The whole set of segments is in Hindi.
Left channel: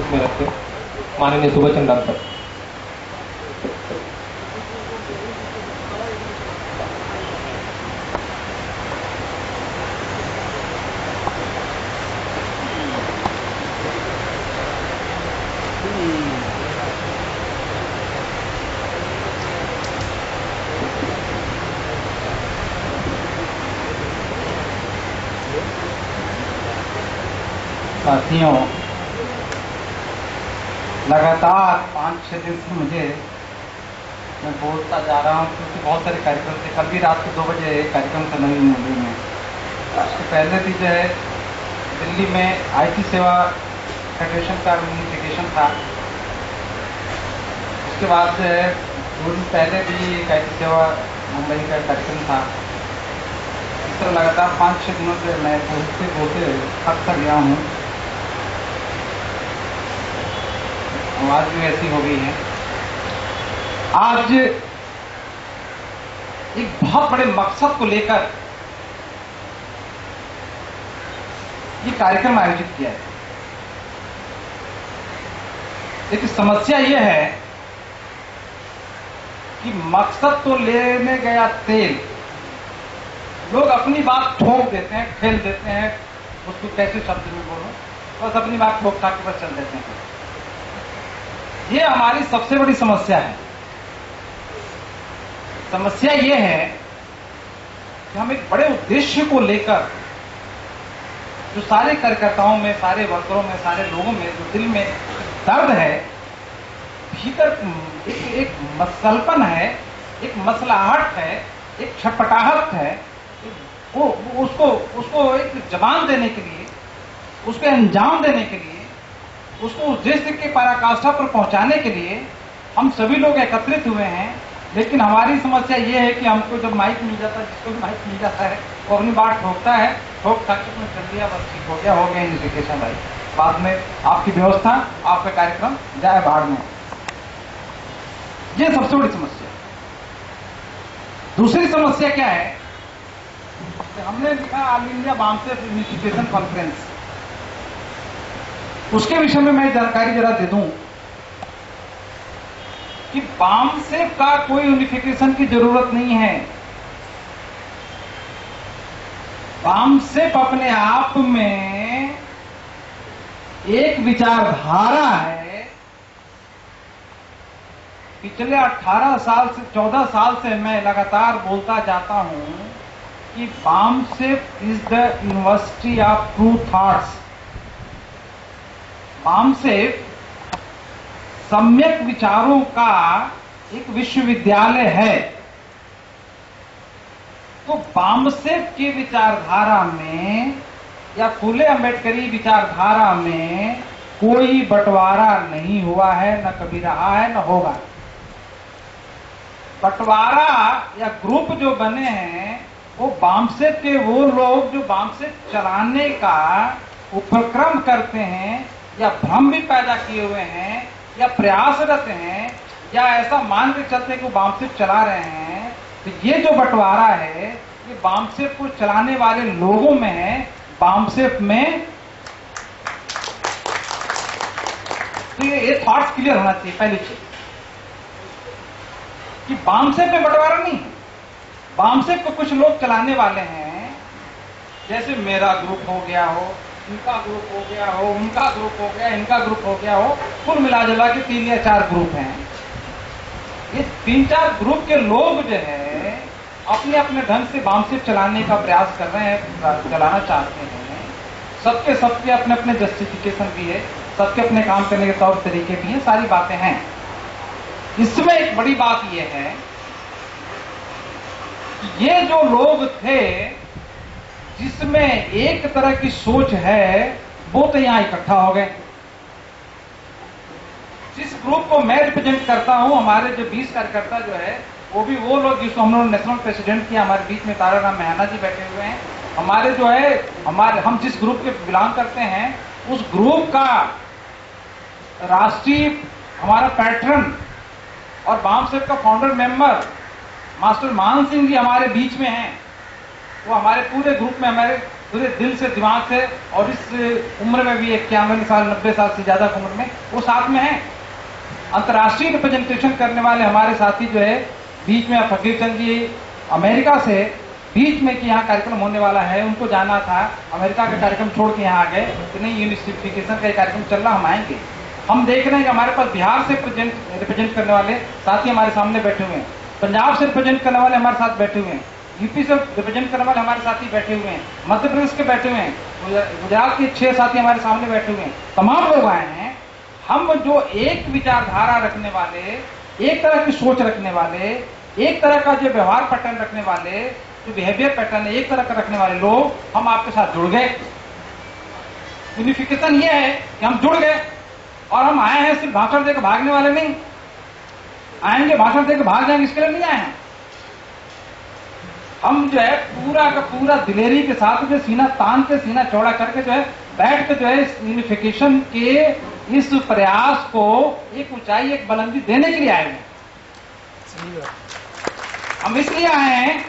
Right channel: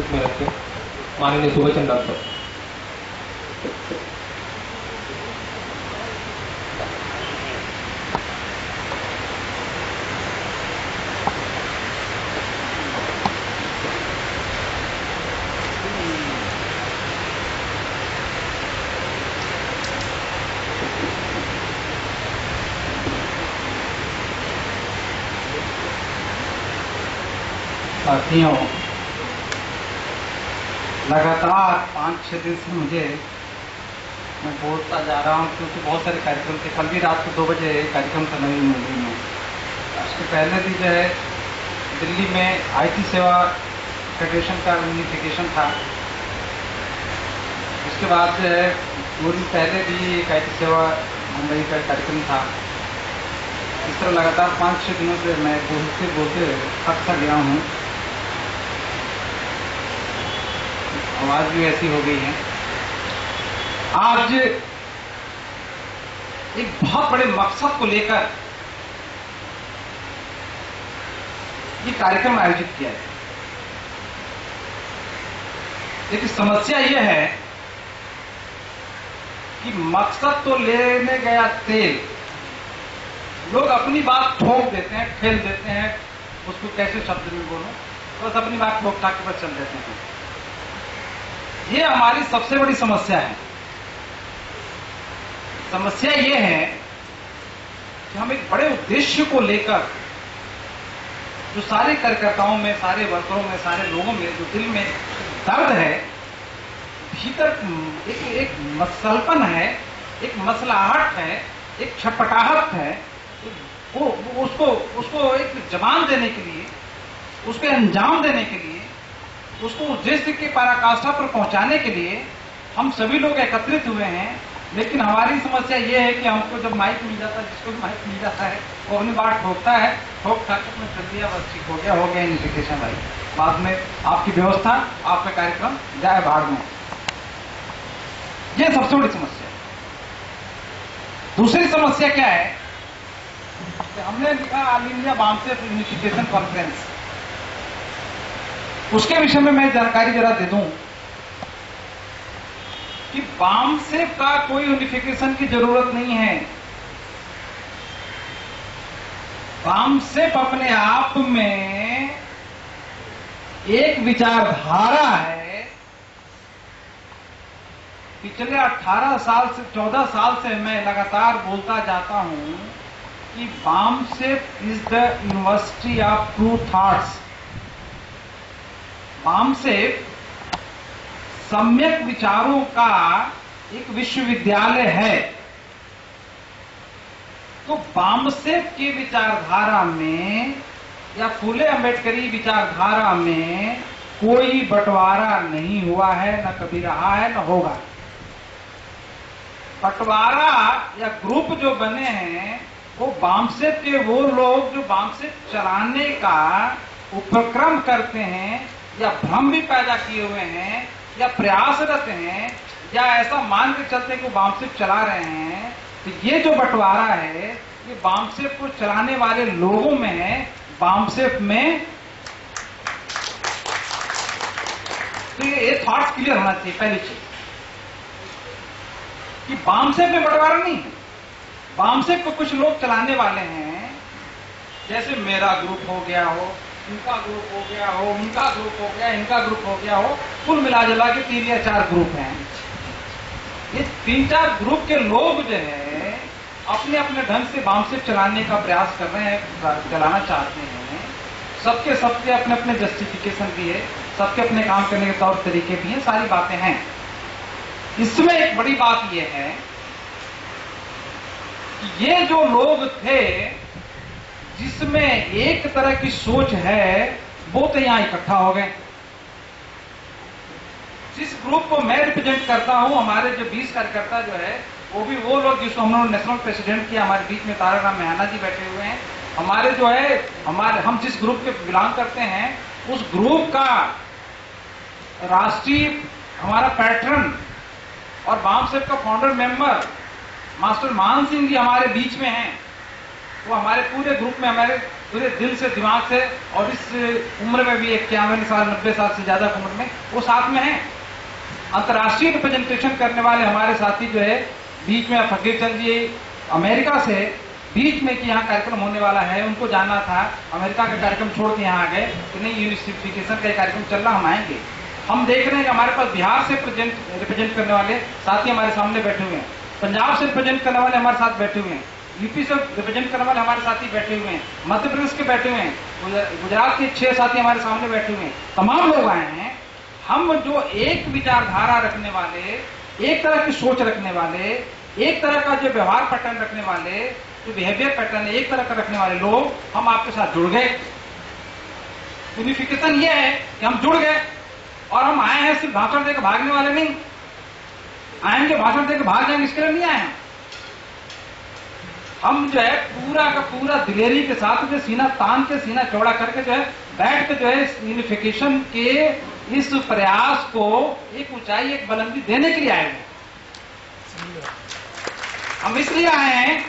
उपस्थित में रखते माननीय सुभाष चंद्र डॉक्टर। साथियों, लगातार 5-6 दिन से मैं बोलता जा रहा हूँ क्योंकि बहुत सारे कार्यक्रम थे। कल भी रात को 2 बजे कार्यक्रम था नवी मुंबई में। उसके पहले भी जो है दिल्ली में IT सेवा फेडरेशन का यूनिफिकेशन था। उसके बाद जो है 2 दिन पहले भी एक IT सेवा मुंबई का कार्यक्रम था। इस तरह लगातार 5-6 दिनों से मैं बोलते बोलते थक सा गया हूँ। आवाज भी ऐसी हो गई है। आज एक बहुत बड़े मकसद को लेकर ये कार्यक्रम आयोजित किया है। एक समस्या यह है कि मकसद तो लेने गया तेल, लोग अपनी बात ठोक देते हैं, ठेल देते हैं, उसको कैसे शब्द में बोलो, बस अपनी बात ठोक ठाक के बस चल देते हैं। ये हमारी सबसे बड़ी समस्या है। समस्या ये है कि हम एक बड़े उद्देश्य को लेकर जो सारे कार्यकर्ताओं में, सारे वर्करों में, सारे लोगों में जो दिल में दर्द है, भीतर एक मसलपन है, एक मसलाहट है, एक छटपटाहट है, वो उसको एक जवान देने के लिए, उसको अंजाम देने के लिए, उसको उद्देश्य के पराकाष्ठा पर पहुंचाने के लिए हम सभी लोग एकत्रित हुए हैं। लेकिन हमारी समस्या ये है कि हमको जब माइक मिल जाता है, जिसको भी माइक मिल जाता है वो अपनी बात ठोकता है, ठोक ठाक में चल दिया, बस ठीक हो गया यूनिफिकेशन भाई, बाद में आपकी व्यवस्था, आपका कार्यक्रम जाए भाड़ में। ये सबसे बड़ी समस्या है। दूसरी समस्या क्या है कि हमने लिखा all India BAMCEF unification conference. उसके विषय में मैं जानकारी जरा दे दूं कि बामसेफ का कोई यूनिफिकेशन की जरूरत नहीं है। बामसेफ अपने आप में एक विचारधारा है। पिछले 18 साल से 14 साल से मैं लगातार बोलता जाता हूं कि BAMCEF is the university of true thoughts. BAMCEF सम्यक विचारों का एक विश्वविद्यालय है। तो बामसेफ की विचारधारा में या फूले अम्बेडकरी विचारधारा में कोई बंटवारा नहीं हुआ है, न कभी रहा है, न होगा। बंटवारा या ग्रुप जो बने हैं वो बामसेफ के वो लोग जो बामसेफ चलाने का उपक्रम करते हैं या भ्रम भी पैदा किए हुए हैं या प्रयासरत हैं या ऐसा मान के चलते हैं कि वो बामसेफ चला रहे हैं। तो ये जो बंटवारा है ये बामसेफ को चलाने वाले लोगों में है। बामसेफ में तो ये थॉट्स क्लियर होना चाहिए पहली चीज कि बामसेफ में बंटवारा नहीं है। बामसेफ को कुछ लोग चलाने वाले हैं, जैसे मेरा ग्रुप हो गया हो, इनका ग्रुप हो गया हो, उनका ग्रुप हो गया, इनका ग्रुप हो गया हो, कुल मिला जुला के 3 या 4 ग्रुप हैं। ये 3-4 ग्रुप के लोग जो है अपने अपने ढंग से बामसेफ चलाने का प्रयास कर रहे हैं, चलाना चाहते हैं। सबके अपने अपने जस्टिफिकेशन भी है, सबके अपने काम करने के तौर तरीके भी हैं, सारी बातें हैं। इसमें एक बड़ी बात यह है कि ये जो लोग थे जिसमें एक तरह की सोच है वो तो यहां इकट्ठा हो गए। जिस ग्रुप को मैं रिप्रेजेंट करता हूं, हमारे जो 20 कार्यकर्ता जो है वो भी वो लोग जिसको हम लोग नेशनल प्रेसिडेंट किया, हमारे बीच में ताराराम मेहना जी बैठे हुए हैं। हमारे जो है हम जिस ग्रुप के बिलोंग करते हैं उस ग्रुप का राष्ट्रीय हमारा पैटर्न और बामसेफ का फाउंडर मेंबर मास्टर मान सिंह जी हमारे बीच में हैं। वो हमारे पूरे ग्रुप में हमारे पूरे दिल से, दिमाग से, और इस उम्र में भी 91 साल 90 साल से ज्यादा उम्र में वो साथ में है। अंतर्राष्ट्रीय रिप्रेजेंटेशन करने वाले हमारे साथी जो है, बीच में फकीर चंद जी अमेरिका से बीच में कि यहाँ कार्यक्रम होने वाला है, उनको जाना था, अमेरिका का कार्यक्रम छोड़ के यहाँ आ गए कि नहीं यूनिफिकेशन का कार्यक्रम चल रहा, हम आएंगे। हम देख रहे हैं कि हमारे पास बिहार से रिप्रेजेंट करने वाले साथी हमारे सामने बैठे हुए हैं, पंजाब से रिप्रेजेंट करने वाले हमारे साथ बैठे हुए हैं, यूपी से रिप्रेजेंट करने वाले हमारे साथी बैठे हुए हैं, मध्य प्रदेश के बैठे हुए हैं, गुजरात के 6 साथी हमारे सामने बैठे हुए हैं, तमाम लोग आए हैं। हम जो एक विचारधारा रखने वाले, एक तरह की सोच रखने वाले, एक तरह का जो व्यवहार पैटर्न रखने वाले, जो बिहेवियर पैटर्न है एक तरह का रखने वाले लोग, हम आपके साथ जुड़ गए। यूनिफिकेशन ये है कि हम जुड़ गए और हम आए हैं सिर्फ भाषण देकर भागने वाले नहीं, आएंगे भाषण देकर भाग जाएंगे इसके लिए नहीं आए हैं। हम जो है पूरा का पूरा दिलेरी के साथ जो सीना तान के, सीना चौड़ा करके जो है बैठ के जो है इस यूनिफिकेशन के इस प्रयास को एक ऊंचाई, एक बुलंदी देने के लिए आए हैं। हम इसलिए आए हैं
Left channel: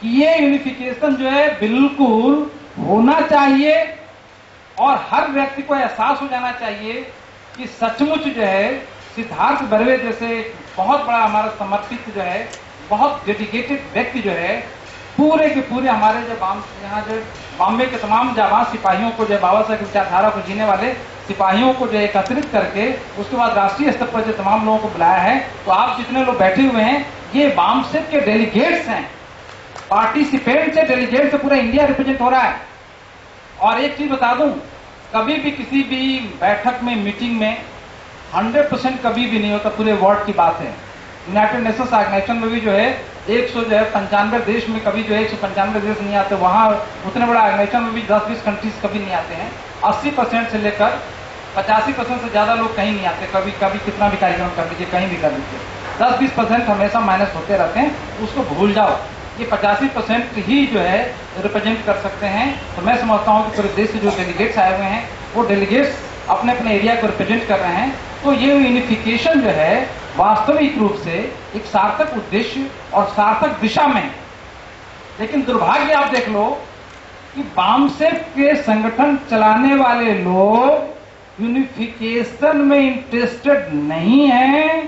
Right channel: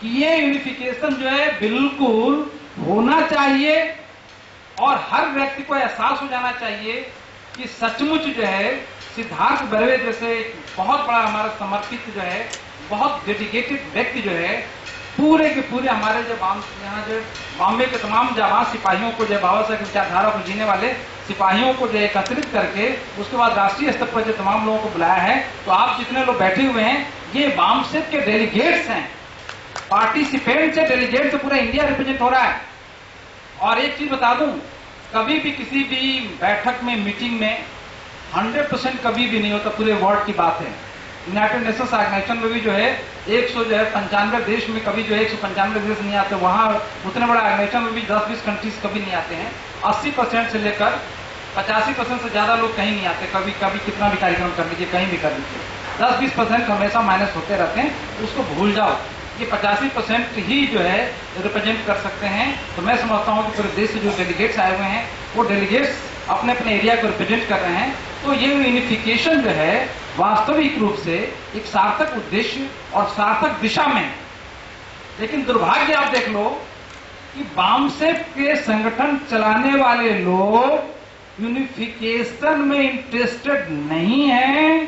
कि ये यूनिफिकेशन जो है बिल्कुल होना चाहिए और हर व्यक्ति को एहसास हो जाना चाहिए कि सचमुच जो है सिद्धार्थ बर्वे जैसे बहुत बड़ा हमारा समर्पित जो है, बहुत डेडिकेटेड व्यक्ति जो है, पूरे के पूरे हमारे जो यहाँ जो बॉम्बे के तमाम जाबाज सिपाहियों को, जो बाबा साहब की विचारधारा को जीने वाले सिपाहियों को जो एकत्रित करके उसके बाद राष्ट्रीय स्तर पर जो तमाम लोगों को बुलाया है। तो आप जितने लोग बैठे हुए हैं ये बामसेट के डेलीगेट्स हैं, पार्टिसिपेंट से, डेलीगेट से पूरा इंडिया रिप्रेजेंट हो रहा है। और एक चीज बता दूं, कभी भी किसी भी बैठक में, मीटिंग में 100% कभी भी नहीं होता, पूरे वर्ल्ड की बात है। यूनाइटेड नेशंस ऑर्गेनाइजेशन में भी जो है 195 देश में कभी जो है 195 देश नहीं आते, वहां उतने बड़ा ऑर्गेनाइजेशन में भी 10-20 कंट्रीज कभी नहीं आते हैं। 80% से लेकर 85% से ज्यादा लोग कहीं नहीं आते, कभी कभी कितना भी कार्यक्रम कर लीजिए, कहीं भी कर लीजिए, 10-20% हमेशा माइनस होते रहते हैं, उसको भूल जाओ। ये 85% ही जो है रिप्रेजेंट कर सकते हैं। तो मैं समझता हूँ कि पूरे देश से जो डेलीगेट्स आए हुए हैं वो डेलीगेट्स अपने अपने एरिया को रिप्रेजेंट कर रहे हैं। तो ये यूनिफिकेशन जो है वास्तविक रूप से एक सार्थक उद्देश्य और सार्थक दिशा में, लेकिन दुर्भाग्य आप देख लो कि बामसेट के संगठन चलाने वाले लोग यूनिफिकेशन में इंटरेस्टेड नहीं हैं,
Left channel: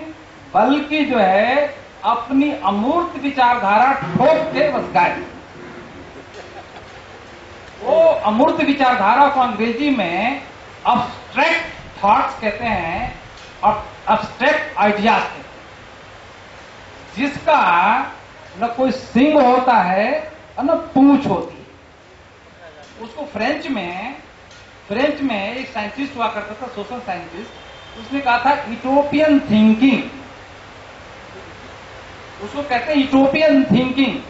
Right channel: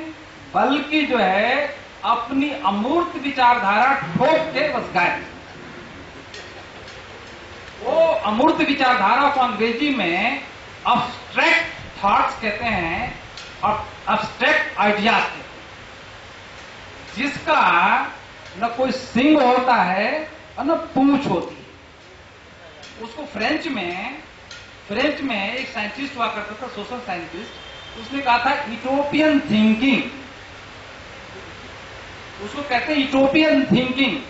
बल्कि जो है अपनी अमूर्त विचारधारा ठोक के बस गायब। वो अमूर्त विचारधारा को अंग्रेजी में अब्स्ट्रैक्ट थॉट्स कहते हैं और अब्स्ट्रैक्ट आइडियाज कहते हैं, जिसका न कोई सिंग होता है और न पूंछ होती है। उसको फ्रेंच में एक साइंटिस्ट हुआ करता था, सोशल साइंटिस्ट, उसने कहा था यूटोपियन थिंकिंग, उसको कहते हैं यूटोपियन थिंकिंग।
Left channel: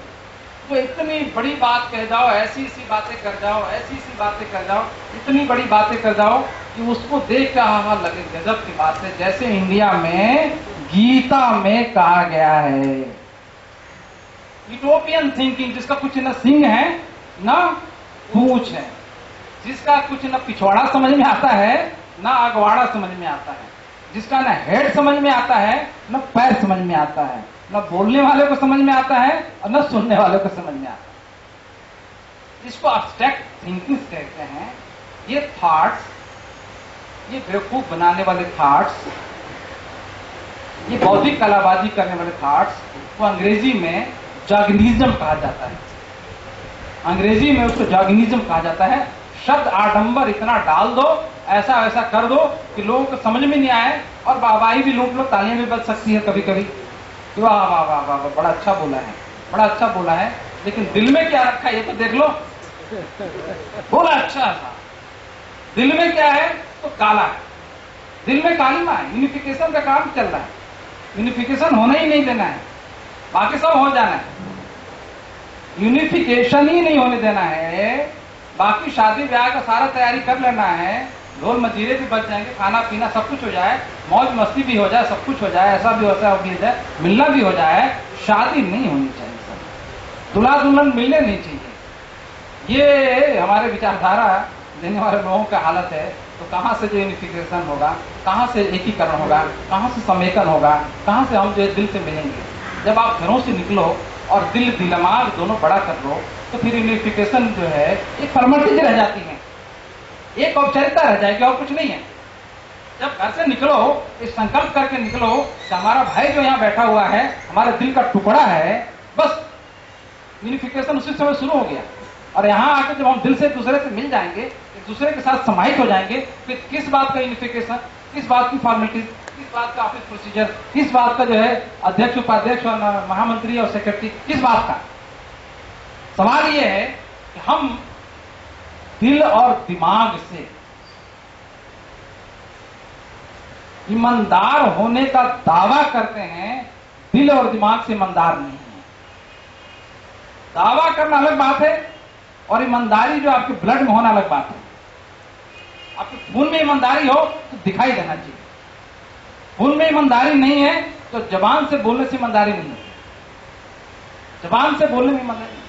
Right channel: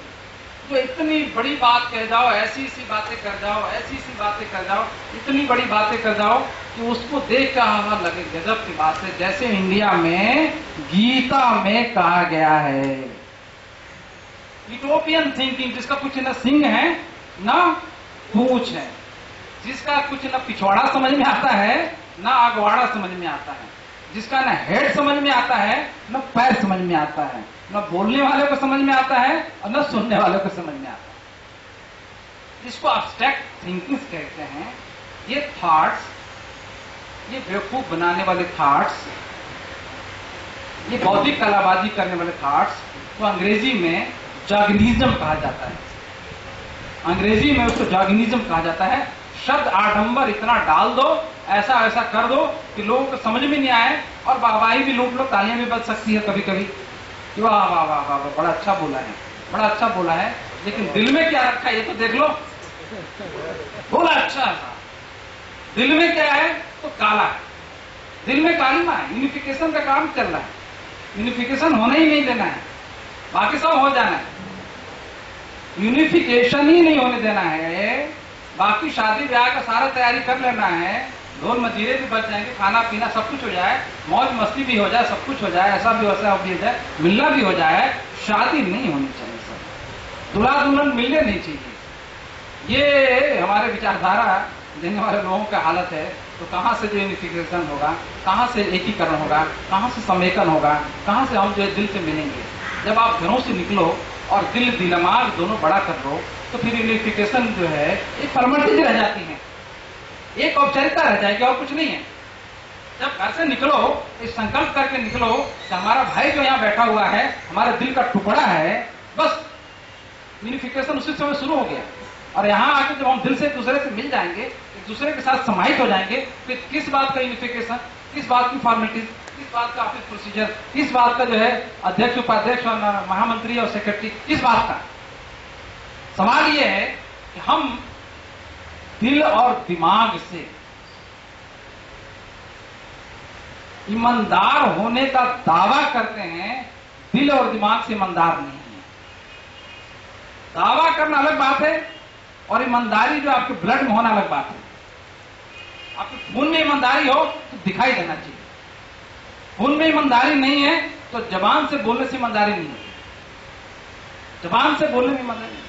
तो इतनी बड़ी बात कह जाओ, ऐसी सी बातें कर जाओ, ऐसी सी बातें कर जाओ, इतनी बड़ी बातें कर जाओ कि उसको देख के हाँ लगे गजब की बात है, जैसे इंडिया में गीता में कहा गया है। यूटोपियन थिंकिंग, जिसका कुछ न सिंह है न पूंछ है, जिसका कुछ न पिछवाड़ा समझ में आता है न अगवाड़ा समझ में आता है, जिसका न हेड समझ में आता है न पैर समझ में आता है, न बोलने वाले को समझ में आता है और न सुनने वाले को समझ में आता है। इसको अब्स्ट्रैक्ट थिंकिंग कहते हैं। ये थॉट्स, ये बेवकूफ बनाने वाले थॉट्स, ये बौद्धिक कलाबाजी करने वाले थॉट्स को अंग्रेजी में जॉगिनिज्म कहा जाता है। अंग्रेजी में उसको जॉगिनिज्म कहा जाता है। शब्द आडंबर इतना डाल दो, ऐसा वैसा कर दो कि लोगों को समझ में नहीं आए और वाहवाही भी लूट लो, तालियां भी बज सकती है कभी कभी, वाह वाह वाह वाह वाह, बड़ा अच्छा बोला है, बड़ा अच्छा बोला है, लेकिन दिल में क्या रखा है ये तो देख लो। बोला अच्छा था, दिल में क्या है तो काला है, दिल में कालीमा है। यूनिफिकेशन का काम चल रहा है, यूनिफिकेशन होने ही नहीं देना है, बाकी सब हो जाना है, यूनिफिकेशन ही नहीं होने देना है। बाकी शादी ब्याह का सारा तैयारी कर लेना है, ढोल मजीरे भी बच जाएंगे, खाना पीना सब कुछ हो जाए, मौज मस्ती भी हो जाए, सब कुछ हो जाए, ऐसा भी वैसा भी हो जाए, मिलना भी हो जाए, शादी नहीं होनी चाहिए, सब दूल्हा दुल्हन मिलने नहीं चाहिए। ये हमारे विचारधारा देने वाले लोगों का हालत है। तो कहाँ से जो यूनिफिकेशन होगा, कहाँ से एकीकरण होगा, कहाँ से समेकन होगा, कहाँ से हम जो दिल से मिलेंगे। जब आप घरों से निकलो और दिल दिमाग दोनों बड़ा कर लो तो फिर यूनिफिकेशन जो है एक फॉर्मेलिटी रह जाती है, एक औपचारिकता रह जाएगी और कुछ नहीं है। जब घर से निकलो इस संकल्प करके निकलो कि हमारा भाई जो यहाँ बैठा हुआ है हमारे दिल का टुकड़ा है, बस यूनिफिकेशन उसी समय शुरू हो गया। और यहाँ आके जब हम दिल से एक दूसरे से मिल जाएंगे, एक दूसरे के साथ समाहित हो जाएंगे, फिर किस बात का यूनिफिकेशन, किस बात की फॉर्मेलिटीज, किस बात का ऑफिस प्रोसीजर, किस बात का जो है अध्यक्ष उपाध्यक्ष और महामंत्री और सेक्रेटरी, किस बात का। सवाल यह है कि हम दिल और दिमाग से ईमानदार होने का दावा करते हैं, दिल और दिमाग से ईमानदार नहीं है। दावा करना अलग बात है और ईमानदारी जो आपके ब्लड में होना अलग बात है। आपके खून में ईमानदारी हो तो दिखाई देना चाहिए, खून में ईमानदारी नहीं है तो जबान से बोलने से ईमानदारी नहीं है, जबान से बोलने में ईमानदारी नहीं।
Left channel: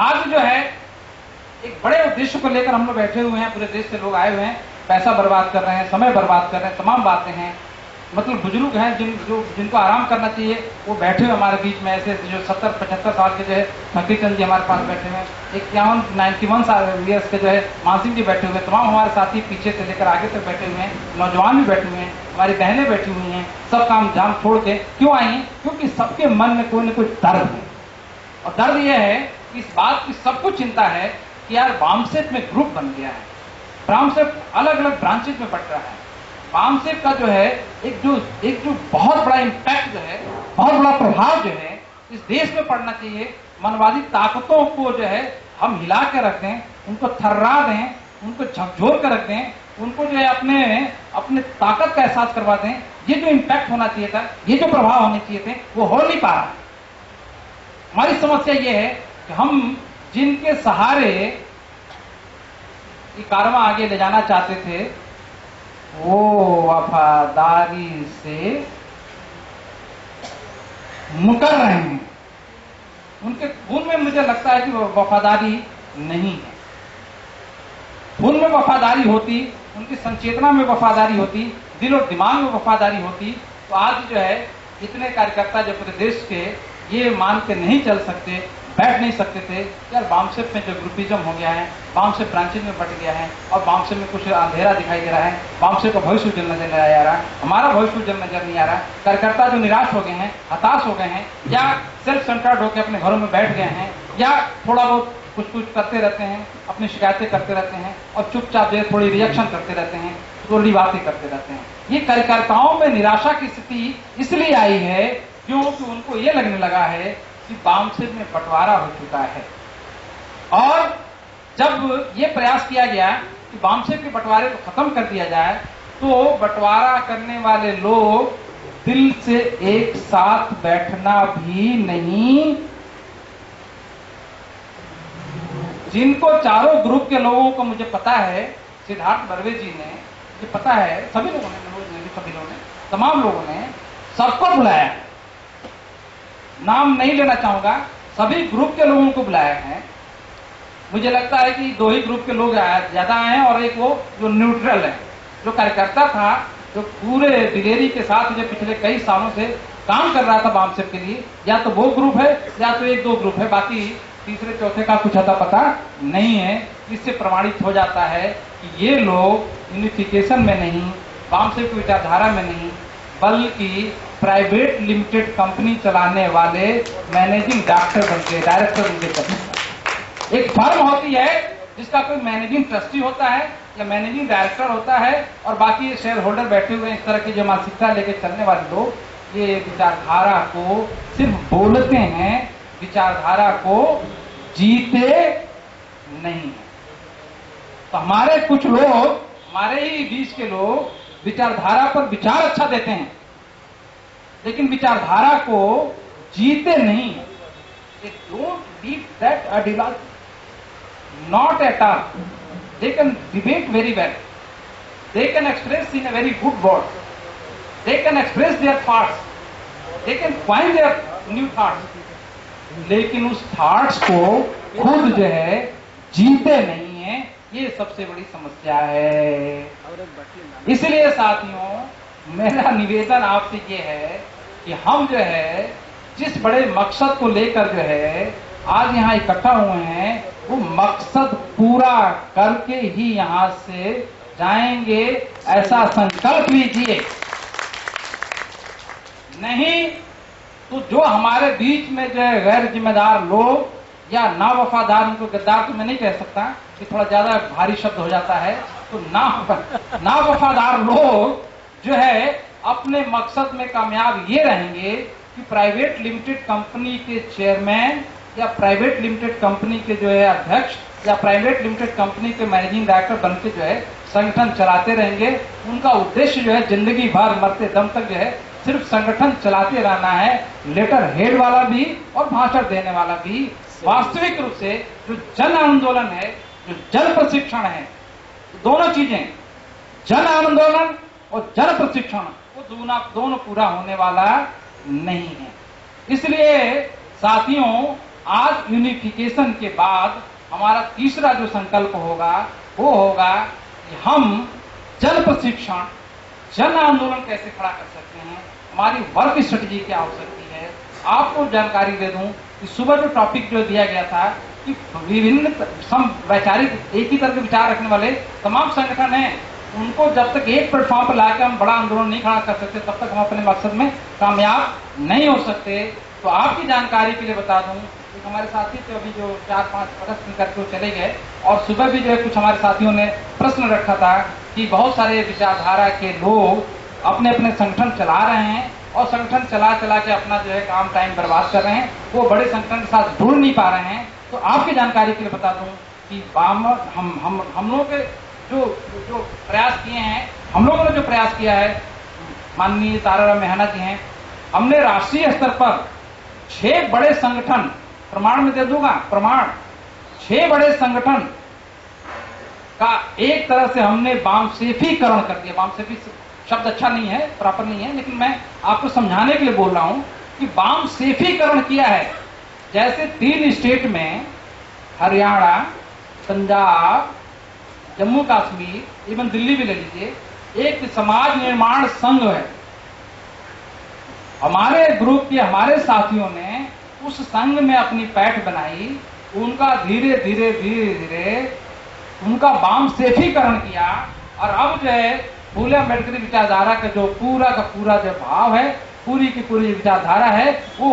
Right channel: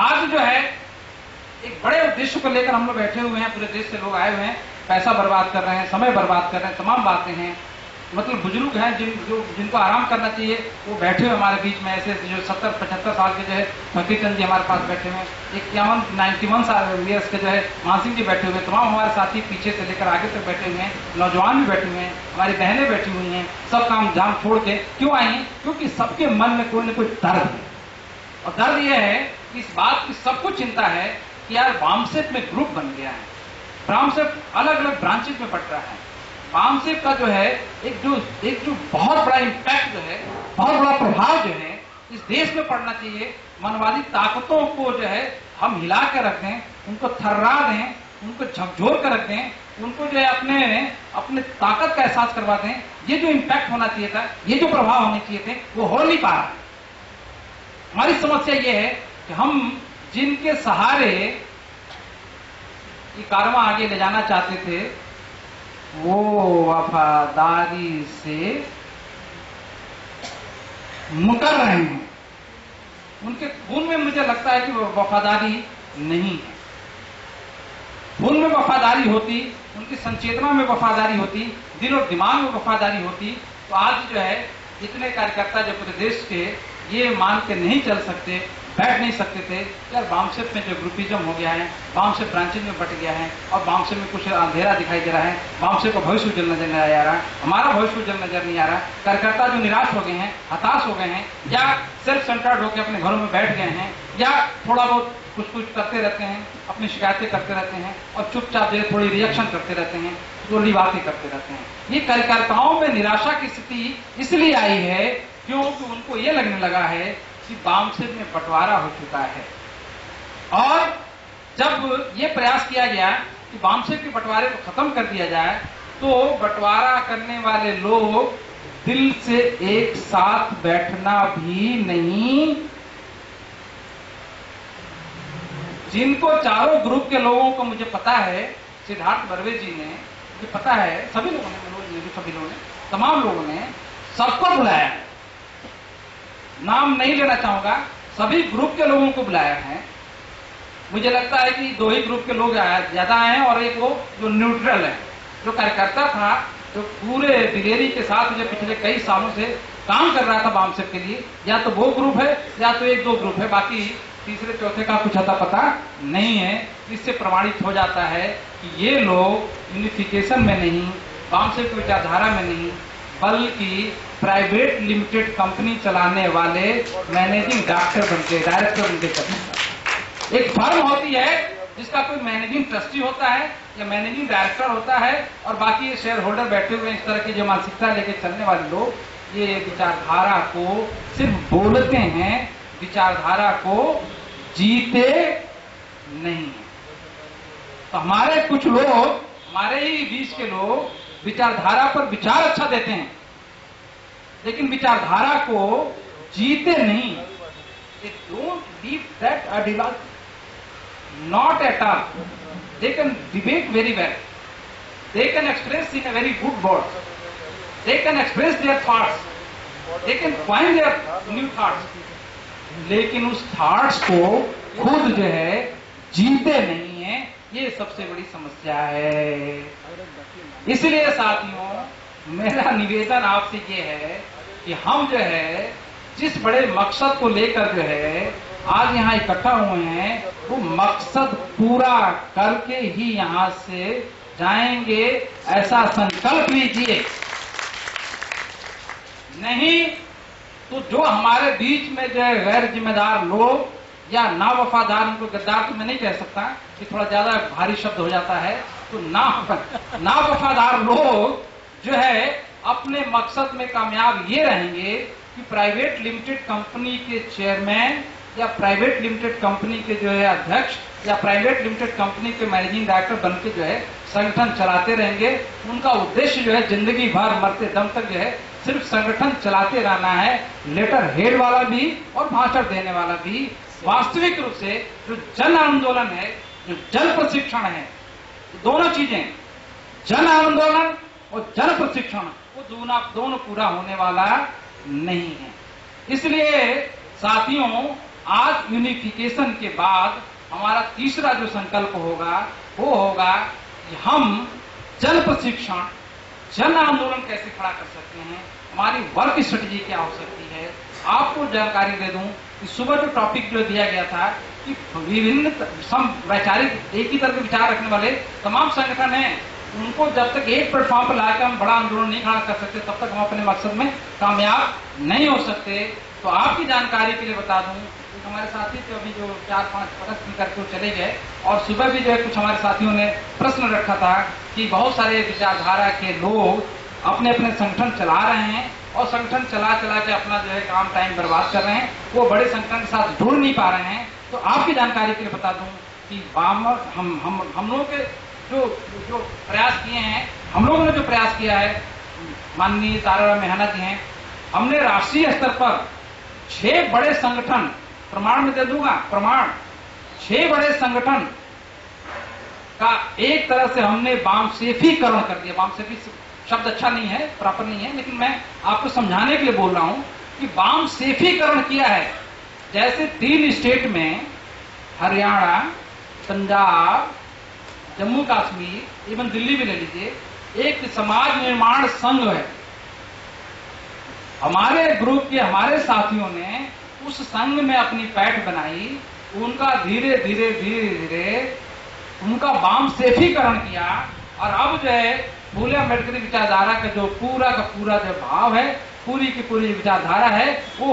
आज जो है एक बड़े उद्देश्य को लेकर हम लोग बैठे हुए हैं, पूरे देश से लोग आए हुए हैं, पैसा बर्बाद कर रहे हैं, समय बर्बाद कर रहे हैं, तमाम बातें हैं। मतलब बुजुर्ग हैं जिनको आराम करना चाहिए वो बैठे हुए हमारे बीच में, ऐसे जो 70-75 साल के जो है फकीर चंद जी हमारे पास बैठे हुए हैं, 91 साल ईयर्स के जो है मानसिंह जी बैठे हुए हैं, तमाम हमारे साथी पीछे से लेकर आगे तक बैठे हुए हैं, नौजवान भी बैठे हुए हैं, हमारी बहनें बैठी हुई हैं, सब काम जाम छोड़ के क्यों आई हैं? क्योंकि सबके मन में कोई न कोई दर्द है। और दर्द यह है कि इस बात की सबको चिंता है कि यार वामसेप में ग्रुप बन गया है, वामसेप अलग अलग ब्रांचेज में बट रहा है। वामसेप का जो है एक जो बहुत बड़ा इम्पैक्ट जो है, बहुत बड़ा प्रभाव जो है इस देश में पड़ना चाहिए। मनवादी ताकतों को जो है हम हिला के रख दें, उनको थर्रा दें, उनको झकझोर कर रख दें, उनको जो है अपने ताकत का एहसास करवा दें। ये जो इम्पैक्ट होना चाहिए था, ये जो प्रभाव होने चाहिए थे, वो हो नहीं पा रहा। हमारी समस्या ये है कि हम जिनके सहारे ये कारवां आगे ले जाना चाहते थे वो वफादारी से मुकर रहे हैं। उनके खून में मुझे लगता है कि वफादारी नहीं है। खून में वफादारी होती, उनकी संचेतना में वफादारी होती, दिल और दिमाग में वफादारी होती, तो आज जो है इतने कार्यकर्ता जो पूरे देश के ये मान के नहीं चल सकते, बैठ नहीं सकते थे यार वामसेप में जो ग्रुपिज्म हो गया है, वामसेप ब्रांचेज में बट गया है और वामसेप में कुछ अंधेरा दिखाई दे रहा है, वामसेप का भविष्य उज्जवल नजर नहीं आ रहा, हमारा भविष्य उज्जवल नजर नहीं आ रहा। कार्यकर्ता जो निराश हो गए हैं, हताश हो गए हैं, या सेल्फ सेंटर्ड होकर अपने घरों में बैठ गए हैं, या थोड़ा बहुत कुछ करते रहते हैं, अपनी शिकायतें करते रहते हैं और चुपचाप जो थोड़ी रिएक्शन करते रहते हैं, थोड़ी बातें करते रहते हैं। ये कार्यकर्ताओं में निराशा की स्थिति इसलिए आई है क्योंकि उनको ये लगने लगा है कि वामसेप में बंटवारा हो चुका है। और जब ये प्रयास किया गया कि वामसेप के बंटवारे को खत्म कर दिया जाए, तो बंटवारा करने वाले लोग दिल से एक साथ बैठना भी नहीं, जिनको चारों ग्रुप के लोगों को मुझे पता है, सिद्धार्थ बर्वे जी ने, मुझे पता है, सभी लोगों ने, सभी लोगों ने, तमाम लोगों ने सबको बुलाया, नाम नहीं लेना चाहूंगा, सभी ग्रुप के लोगों को बुलाया है। मुझे लगता है कि 2 ही ग्रुप के लोग ज्यादा आए हैं और एक वो जो न्यूट्रल है, जो कार्यकर्ता था, जो पूरे दिलेरी के साथ मुझे पिछले कई सालों से काम कर रहा था वामसेप के लिए, या तो वो ग्रुप है या तो 1-2 ग्रुप है, बाकी तीसरे चौथे का कुछ अता पता नहीं है। इससे प्रमाणित हो जाता है कि ये लोग यूनिफिकेशन में नहीं, वामसेप की विचारधारा में नहीं, बल्कि प्राइवेट लिमिटेड कंपनी चलाने वाले मैनेजिंग डायरेक्टर बनके करते। एक फर्म होती है जिसका कोई मैनेजिंग ट्रस्टी होता है या मैनेजिंग डायरेक्टर होता है और बाकी शेयर होल्डर बैठे हुए इस तरह की जो मानसिकता लेके चलने वाले लोग, ये विचारधारा को सिर्फ बोलते हैं, विचारधारा को जीते नहीं। तो हमारे कुछ लोग, हमारे ही बीच के लोग विचारधारा पर विचार अच्छा देते हैं, लेकिन विचारधारा को जीते नहीं। They don't live that ideology. Not at all. They can debate very well. They can express in a very good word. They can express their thoughts. They can find their new thoughts. लेकिन उस थॉट्स को खुद जो है जीते नहीं है, ये सबसे बड़ी समस्या है। इसलिए साथियों, मेरा निवेदन आपसे ये है कि हम जो है जिस बड़े मकसद को लेकर जो है आज यहाँ इकट्ठा हुए हैं वो मकसद पूरा करके ही यहाँ से जाएंगे, ऐसा संकल्प लीजिए। नहीं तो जो हमारे बीच में जो है गैर जिम्मेदार लोग या ना वफादार, उनको गद्दार तो मैं नहीं कह सकता कि थोड़ा ज्यादा भारी शब्द हो जाता है, तो ना वफादार लोग जो है अपने मकसद में कामयाब ये रहेंगे कि प्राइवेट लिमिटेड कंपनी के चेयरमैन या प्राइवेट लिमिटेड कंपनी के जो है अध्यक्ष या प्राइवेट लिमिटेड कंपनी के मैनेजिंग डायरेक्टर बनके जो है संगठन चलाते रहेंगे। उनका उद्देश्य जो है जिंदगी भर मरते दम तक जो है सिर्फ संगठन चलाते रहना है, लेटर हेड वाला भी और भाषण देने वाला भी। वास्तविक रूप से जो जन आंदोलन है, जो जन प्रशिक्षण है, दोनों चीजें, जन आंदोलन और जन प्रशिक्षण, वो दोनों पूरा होने वाला नहीं है। इसलिए साथियों, आज यूनिफिकेशन के बाद हमारा तीसरा जो संकल्प होगा वो होगा कि हम जन प्रशिक्षण, जन आंदोलन कैसे खड़ा कर सकते हैं, हमारी वर्क स्ट्रेटजी क्या हो सकती है। आपको जानकारी दे दूं कि सुबह जो टॉपिक जो दिया गया था कि विभिन्न वैचारिक एक ही तरह के विचार रखने वाले तमाम संगठन हैं, उनको जब तक एक प्लेटफॉर्म पर लाकर हम बड़ा आंदोलन नहीं खड़ा कर सकते तब तक हम अपने मकसद में कामयाब नहीं हो सकते। तो आपकी जानकारी के लिए बता दूं कि हमारे साथी तो अभी जो 4-5 प्रश्न करके चले गए, और सुबह भी जो है कुछ हमारे साथियों ने प्रश्न रखा था कि बहुत सारे विचारधारा के लोग अपने अपने संगठन चला रहे हैं और संगठन चला के अपना जो है काम टाइम बर्बाद कर रहे हैं, वो बड़े संगठन के साथ जुड़ नहीं पा रहे हैं। तो आपकी जानकारी के लिए बता दूं कि हम लोगों के जो प्रयास किए हैं, हम लोगों ने जो प्रयास किया है, माननीय ताराराम मेहना जी हैं, हमने राष्ट्रीय स्तर पर 6 बड़े संगठन, प्रमाण में दे दूंगा प्रमाण, 6 बड़े संगठन का एक तरह से हमने वामसेफीकरण कर दिया। वामसेफी शब्द अच्छा नहीं है, प्रॉपर नहीं है, लेकिन मैं आपको समझाने के लिए बोल रहा हूं कि वामसेफीकरण किया है। जैसे 3 स्टेट में, हरियाणा, पंजाब, जम्मू कश्मीर, इवन दिल्ली भी ले लीजिए, एक समाज निर्माण संघ है। हमारे ग्रुप के हमारे साथियों ने उस संघ में अपनी पैठ बनाई, उनका धीरे धीरे उनका वामसेफीकरण किया, और अब जो है फूले अम्बेडकरी विचारधारा का जो पूरा का पूरा जो भाव है, पूरी की पूरी विचारधारा है, वो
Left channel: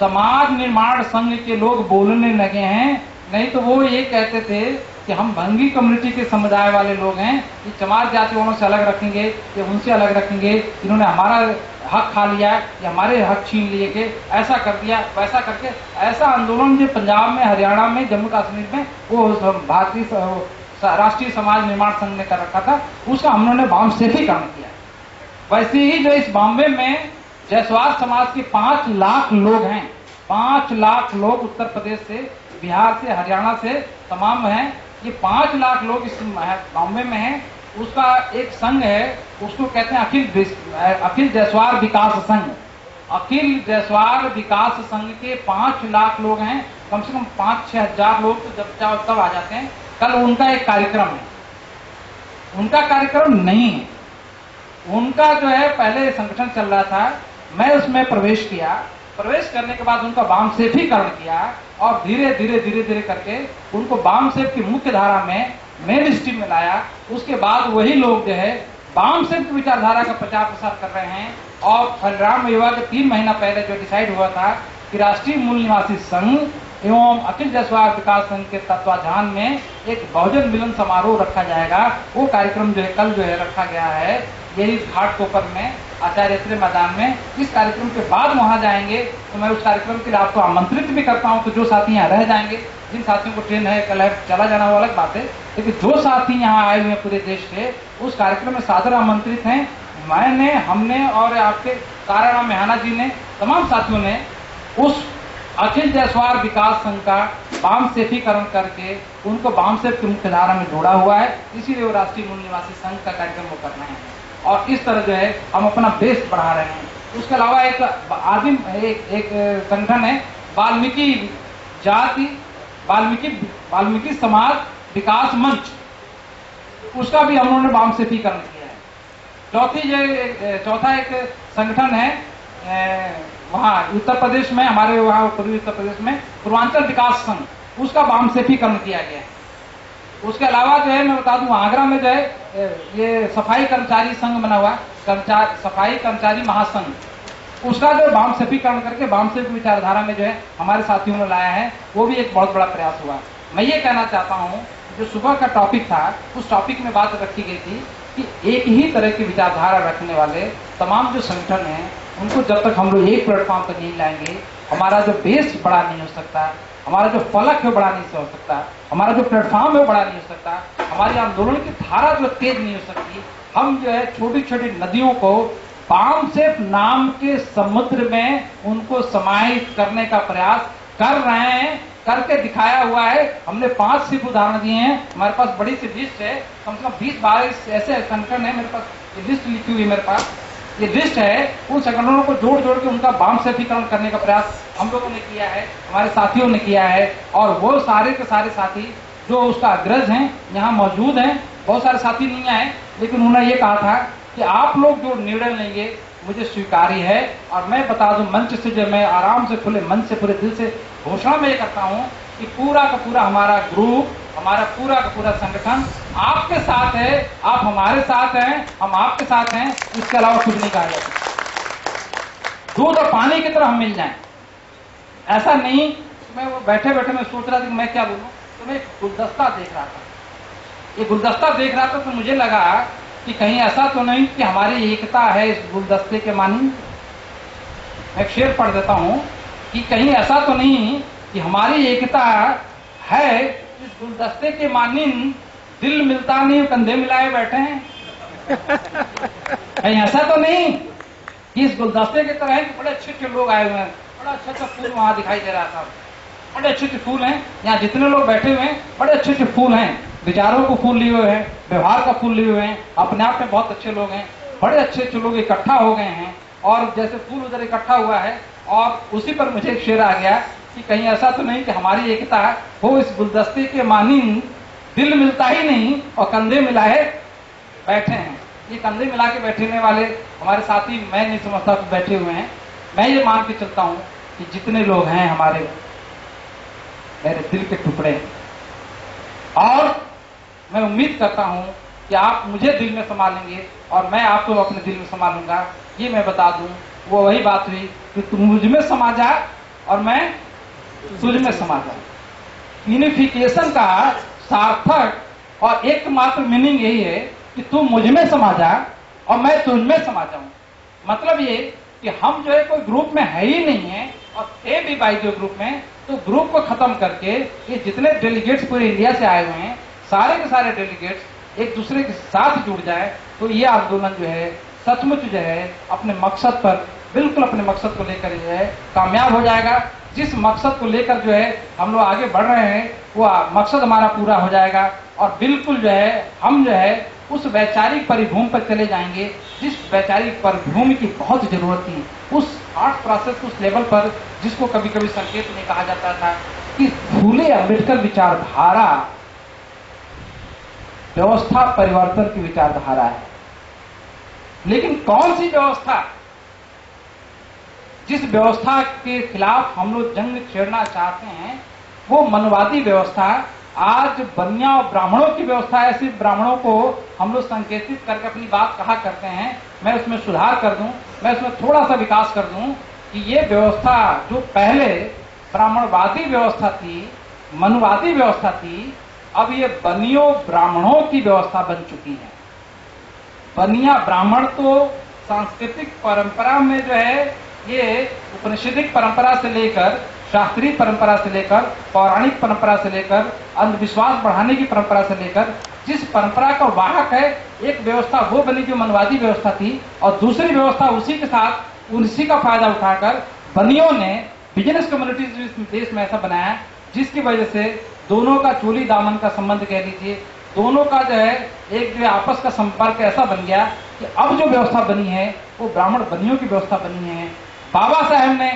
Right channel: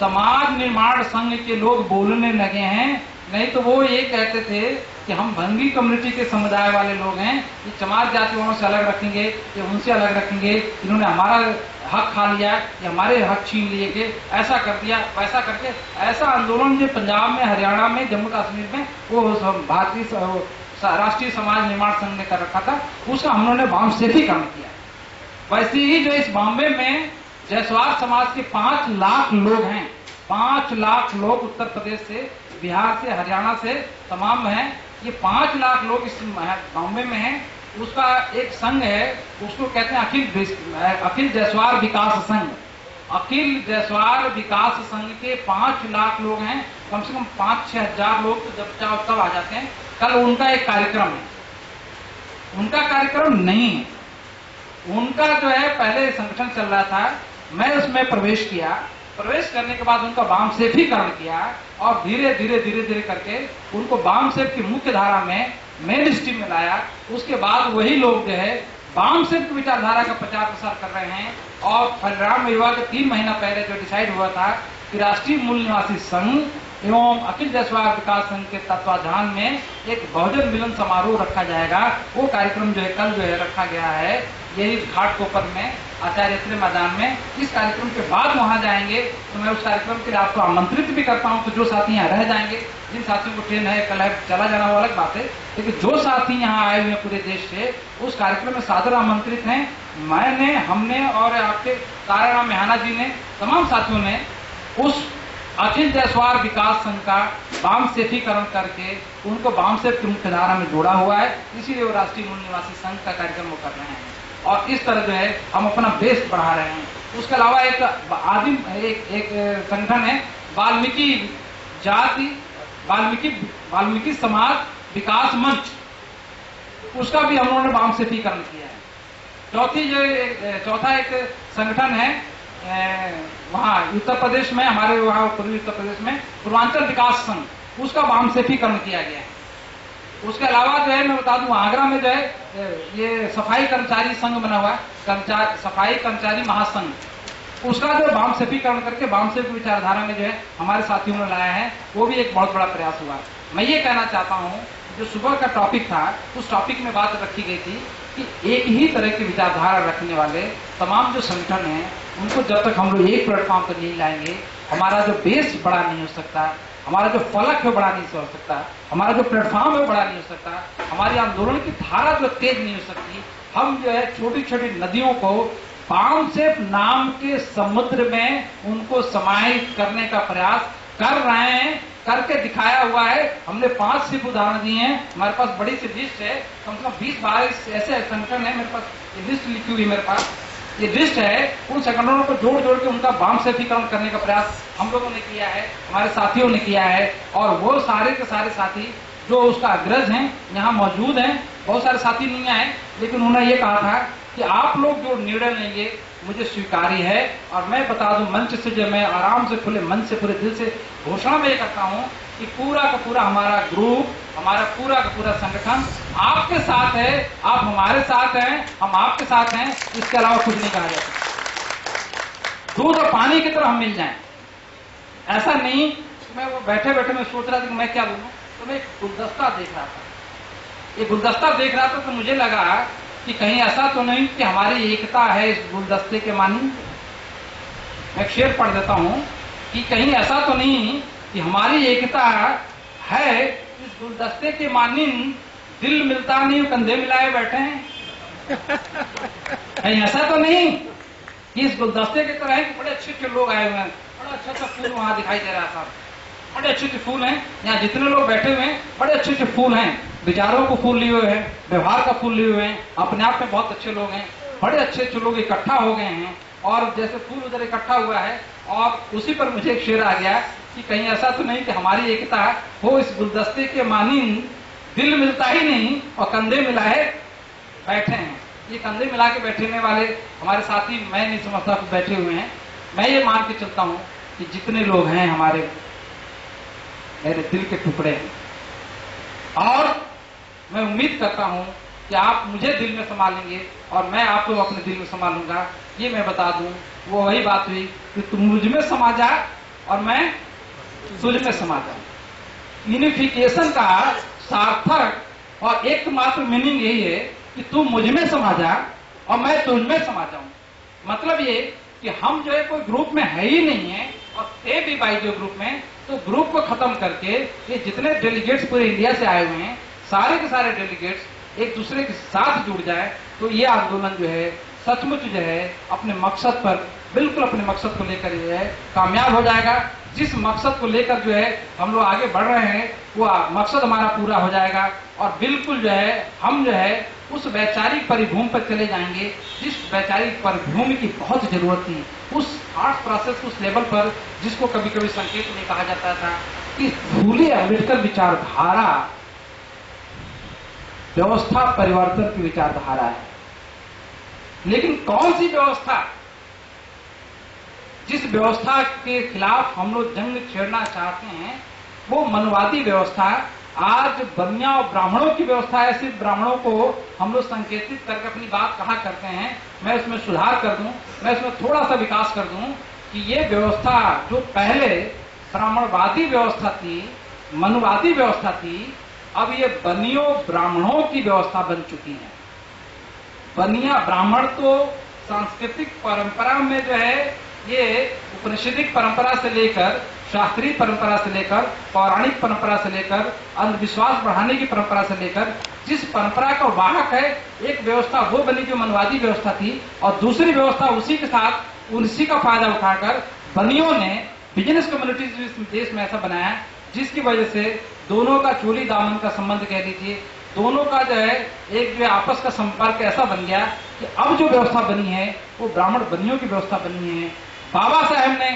समाज निर्माण संघ के लोग बोलने लगे हैं। नहीं तो वो ये कहते थे कि हम भंगी कम्युनिटी के समुदाय वाले लोग हैं, ये चमार जाति वालों से अलग रखेंगे, ये उनसे अलग रखेंगे, इन्होंने हमारा हक खा लिया, ये हमारे हक छीन लिए, के ऐसा कर दिया, वैसा करके ऐसा आंदोलन जो पंजाब में, हरियाणा में, जम्मू कश्मीर में वो भारतीय राष्ट्रीय समाज निर्माण संघ ने कर रखा था, उसका हम लोगों ने वामसेफीकरण किया। वैसे ही जो इस बॉम्बे में जयसवाल समाज के 5 लाख लोग हैं, 5 लाख लोग उत्तर प्रदेश से, बिहार से, हरियाणा से तमाम हैं, ये 5 लाख लोग इस बॉम्बे में हैं। उसका एक संघ है, उसको कहते हैं अखिल जयसवाल विकास संघ। अखिल जयसवाल विकास संघ के 5 लाख लोग हैं, कम से कम 5-6 हजार लोग तो जब चाहो तब आ जाते हैं। कल उनका एक कार्यक्रम है, उनका कार्यक्रम नहीं है, उनका जो है पहले संगठन चल रहा था, मैं उसमें प्रवेश किया, प्रवेश करने के बाद उनका वामसेफीकरण किया और धीरे धीरे करके उनको वामसेफ की मुख्य धारा में, मेन स्ट्रीम में लाया। उसके बाद वही लोग जो है वामसेफ की विचारधारा का प्रचार प्रसार कर रहे हैं। और फलराम विवाह के 3 महीना पहले जो डिसाइड हुआ था कि राष्ट्रीय मूल निवासी संघ एवं अखिल जयसवाल विकास संघ के तत्वाधान में एक बहुजन मिलन समारोह रखा जाएगा, वो कार्यक्रम जो है कल जो है रखा गया है, यही घाटकोपर में, आचार्य श्री मैदान में। इस कार्यक्रम के बाद वहां जाएंगे, तो मैं उस कार्यक्रम के लिए आपको आमंत्रित भी करता हूं। तो जो साथी यहाँ रह जाएंगे, जिन साथियों को ट्रेन है कल है चला जाना वो अलग बात है, लेकिन जो साथी यहाँ आए हुए हैं पूरे देश से, उस कार्यक्रम में सादर आमंत्रित हैं। हमने और आपके ताराराम मेहना जी ने, तमाम साथियों ने उस अखिल जयसवाल विकास संघ का वामसेफीकरण करके उनको वामसेफ की मुख्य धारा में जोड़ा हुआ है, इसीलिए वो राष्ट्रीय मूल निवासी संघ का कार्यक्रम वो कर रहे हैं और इस तरह जो है हम अपना बेस बढ़ा रहे हैं। उसके अलावा एक संगठन है वाल्मीकि समाज विकास मंच, उसका भी हम लोगों ने वामसेफीकरण किया है। चौथा एक संगठन है वहाँ उत्तर प्रदेश में, हमारे वहाँ पूर्वी उत्तर प्रदेश में पूर्वांचल विकास संघ, उसका वामसेफीकरण किया गया है। उसके अलावा जो है मैं बता दूं, आगरा में जो है ये सफाई कर्मचारी संघ बना हुआ, सफाई कर्मचारी महासंघ, उसका जो वामसेफीकरण करके वामसेफ विचारधारा में जो है हमारे साथियों ने लाया है, वो भी एक बहुत बड़ा प्रयास हुआ। मैं ये कहना चाहता हूँ, जो सुबह का टॉपिक था, उस टॉपिक में बात रखी गई थी कि एक ही तरह की विचारधारा रखने वाले तमाम जो संगठन हैं, उनको जब तक हम लोग एक प्लेटफॉर्म पर नहीं लाएंगे, हमारा जो बेस बड़ा नहीं हो सकता, हमारा जो फलक है बड़ा नहीं हो सकता, हमारा जो प्लेटफॉर्म है बड़ा नहीं हो सकता, हमारी आंदोलन की धारा जो तेज नहीं हो सकती। हम जो है छोटी छोटी नदियों को वामसेफ नाम के समुद्र में उनको समाहित करने का प्रयास कर रहे हैं, करके दिखाया हुआ है। हमने 5 सिर्फ उदाहरण दिए हैं, हमारे पास बड़ी सी लिस्ट है, कम से कम 20-22 ऐसे संगठन है, मेरे पास ये लिस्ट लिखी हुई है, मेरे पास ये लिस्ट है। उन संगठनों को जोड़ जोड़ के उनका वामसेफीकरण करने का प्रयास हम लोगों ने किया है, हमारे साथियों ने किया है, और वो सारे के सारे साथी जो उसका अग्रज हैं यहाँ मौजूद हैं। बहुत सारे साथी नहीं आए, लेकिन उन्होंने ये कहा था कि आप लोग जो निर्णय लेंगे मुझे स्वीकार्य है। और मैं बता दूं, मंच से जो मैं आराम से खुले मन से पूरे दिल से घोषणा में ये करता हूं कि पूरा का पूरा हमारा ग्रुप, हमारा पूरा का पूरा संगठन आपके साथ है, आप हमारे साथ हैं, हम आपके साथ हैं, इसके अलावा कुछ नहीं कहा जाता। दूध और पानी की तरह हम मिल जाएं, ऐसा नहीं। मैं वो बैठे बैठे मैं सोच रहा था कि मैं क्या बोलूं, तो मैं एक गुलदस्ता देख रहा था, ये गुलदस्ता देख रहा था, तो मुझे लगा कि कहीं ऐसा तो नहीं कि हमारी एकता है इस गुलदस्ते के मानी। मैं शेर पढ़ देता हूं कि कहीं ऐसा तो नहीं कि हमारी एकता है इस गुलदस्ते के मानिन, दिल मिलता नहीं कंधे मिलाए बैठे हैं। कहीं ऐसा तो नहीं कि इस गुलदस्ते की तरह है कि बड़े अच्छे अच्छे लोग आए हुए हैं, बड़ा अच्छा अच्छा फूल वहां दिखाई दे रहा था, बड़े अच्छे अच्छे फूल हैं, यहाँ जितने लोग बैठे हुए हैं बड़े अच्छे अच्छे फूल हैं, विचारों को फूल लिए हुए हैं, व्यवहार का फूल लिए हुए हैं, अपने आप में बहुत अच्छे लोग हैं, बड़े अच्छे अच्छे लोग इकट्ठा हो गए हैं। और जैसे फूल उधर इकट्ठा हुआ है, और उसी पर मुझे एक शेर आ गया कि कहीं ऐसा तो नहीं कि हमारी एकता हो इस गुलदस्ते के मानिन, दिल मिलता ही नहीं और कंधे मिलाए बैठे हैं। ये कंधे मिला के बैठने वाले हमारे साथी मैं नहीं समझता तो बैठे हुए हैं। मैं ये मान के चलता हूं कि जितने लोग हैं हमारे, मेरे दिल के टुकड़े हैं, और मैं उम्मीद करता हूं कि आप मुझे दिल में संभालेंगे और मैं आपको अपने दिल में संभालूंगा। ये मैं बता दूं, वो वही बात हुई कि तुम मुझ में समा जा और मैं तुझ में समा जा। यूनिफिकेशन का सार्थक और एकमात्र मीनिंग यही है कि तू मुझ में समा जा और मैं तुझ में समा जाऊं। मतलब ये कि हम जो है कोई ग्रुप में है ही नहीं है, और थे भी बाई जो ग्रुप में, तो ग्रुप को खत्म करके ये जितने डेलीगेट्स पूरे इंडिया से आए हुए हैं, सारे के सारे डेलीगेट्स एक दूसरे के साथ जुड़ जाए, तो ये आंदोलन जो है सचमुच जो है अपने मकसद पर, बिल्कुल अपने मकसद को लेकर जो है कामयाब हो जाएगा। जिस मकसद को लेकर जो है हम लोग आगे बढ़ रहे हैं, वो मकसद हमारा पूरा हो जाएगा, और बिल्कुल जो है हम जो है उस वैचारिक परिभूमि पर चले जाएंगे जिस वैचारिक परिभूमि की बहुत जरूरत थी, उस थॉट प्रोसेस, उस लेवल पर जिसको कभी कभी संकेत में कहा जाता था कि फूले अम्बेडकर विचारधारा व्यवस्था परिवर्तन की विचारधारा है। लेकिन कौन सी व्यवस्था? जिस व्यवस्था के खिलाफ हम लोग जंग छेड़ना चाहते हैं वो मनवादी व्यवस्था आज बनिया और ब्राह्मणों की व्यवस्था है। सिर्फ ब्राह्मणों को हम लोग संकेतित करके अपनी बात कहा करते हैं। मैं उसमें सुधार कर दूं, मैं उसमें थोड़ा सा विकास कर दूं कि ये व्यवस्था जो पहले ब्राह्मणवादी व्यवस्था थी, मनुवादी व्यवस्था थी, अब ये बनियों ब्राह्मणों की व्यवस्था बन चुकी है। बनिया ब्राह्मण तो सांस्कृतिक परंपरा में जो है ये उपनिषदिक परंपरा से लेकर, शास्त्रीय परंपरा से लेकर, पौराणिक परंपरा से लेकर, अंधविश्वास बढ़ाने की परंपरा से लेकर, जिस परंपरा का वाहक है, एक व्यवस्था वो बनी जो मनवादी व्यवस्था थी, और दूसरी व्यवस्था उसी के साथ उसी का फायदा उठाकर बनियों ने बिजनेस कम्युनिटीज देश में ऐसा बनाया जिसकी वजह से दोनों का चोली दामन का संबंध कह लीजिए, दोनों का जो है एक जो आपस का संपर्क ऐसा बन गया कि अब जो व्यवस्था बनी है वो ब्राह्मण बनियों की व्यवस्था बनी है। बाबा साहब ने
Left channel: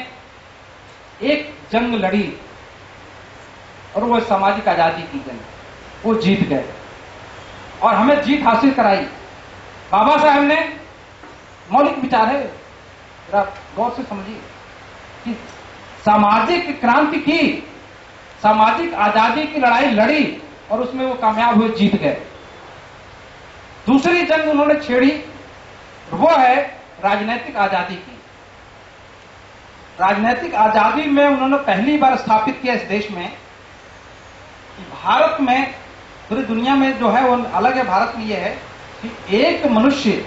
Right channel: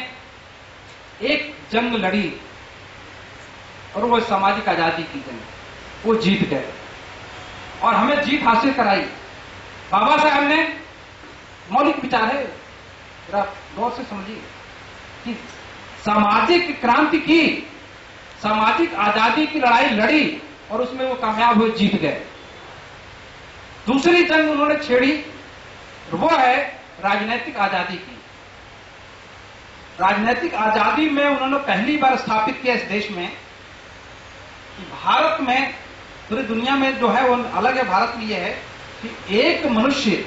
एक जंग लड़ी और वो सामाजिक आजादी की जंग, वो जीत गए और हमें जीत हासिल कराई। बाबा साहब ने मौलिक विचार है, जरा गौर से समझिए कि सामाजिक क्रांति की, सामाजिक आजादी की लड़ाई लड़ी और उसमें वो कामयाब हुए, जीत गए। दूसरी जंग उन्होंने छेड़ी, वो है राजनीतिक आजादी की। राजनीतिक आजादी में उन्होंने पहली बार स्थापित किया इस देश में कि भारत में, पूरी दुनिया में जो है वो अलग है, भारत में यह है कि एक मनुष्य,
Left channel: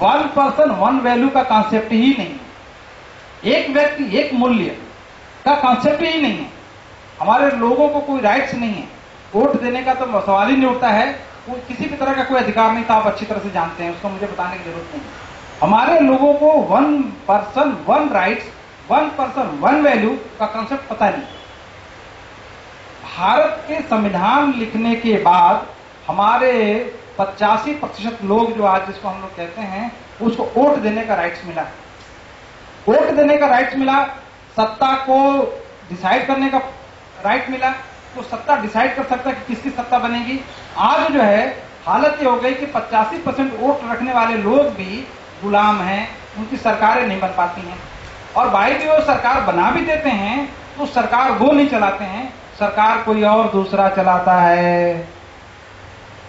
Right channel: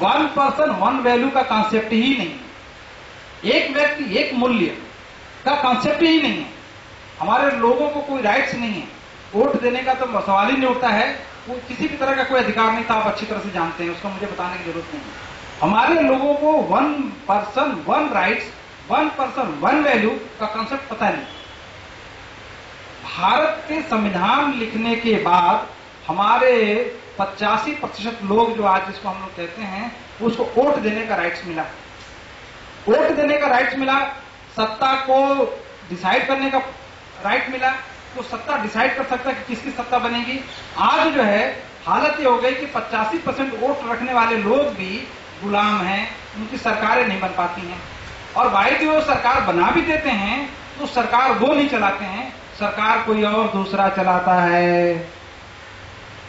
वन पर्सन वन वैल्यू का कॉन्सेप्ट ही नहीं है। एक व्यक्ति एक मूल्य का कॉन्सेप्ट ही नहीं है। हमारे लोगों को कोई राइट्स नहीं है, वोट देने का तो सवाल ही नहीं उठता है, वो किसी भी तरह का कोई अधिकार नहीं था, आप अच्छी तरह से जानते हैं, उसको मुझे बताने की जरूरत नहीं। हमारे लोगों को one person one rights, one person one value का कॉन्सेप्ट पता नहीं। भारत के संविधान लिखने के बाद हमारे 85% लोग जो आज जिसको हम लोग कहते हैं, उसको वोट देने का राइट्स मिला। वोट देने का राइट्स मिला, सत्ता को डिसाइड करने का राइट मिला, तो सत्ता डिसाइड कर सकता है कि किसकी सत्ता बनेगी। आज जो है हालत ये हो गई कि 85% वोट रखने वाले लोग भी गुलाम हैं, उनकी सरकारें नहीं बन पाती हैं। और भाई जो सरकार बना भी देते हैं तो सरकार वो नहीं चलाते हैं, सरकार कोई और दूसरा चलाता है।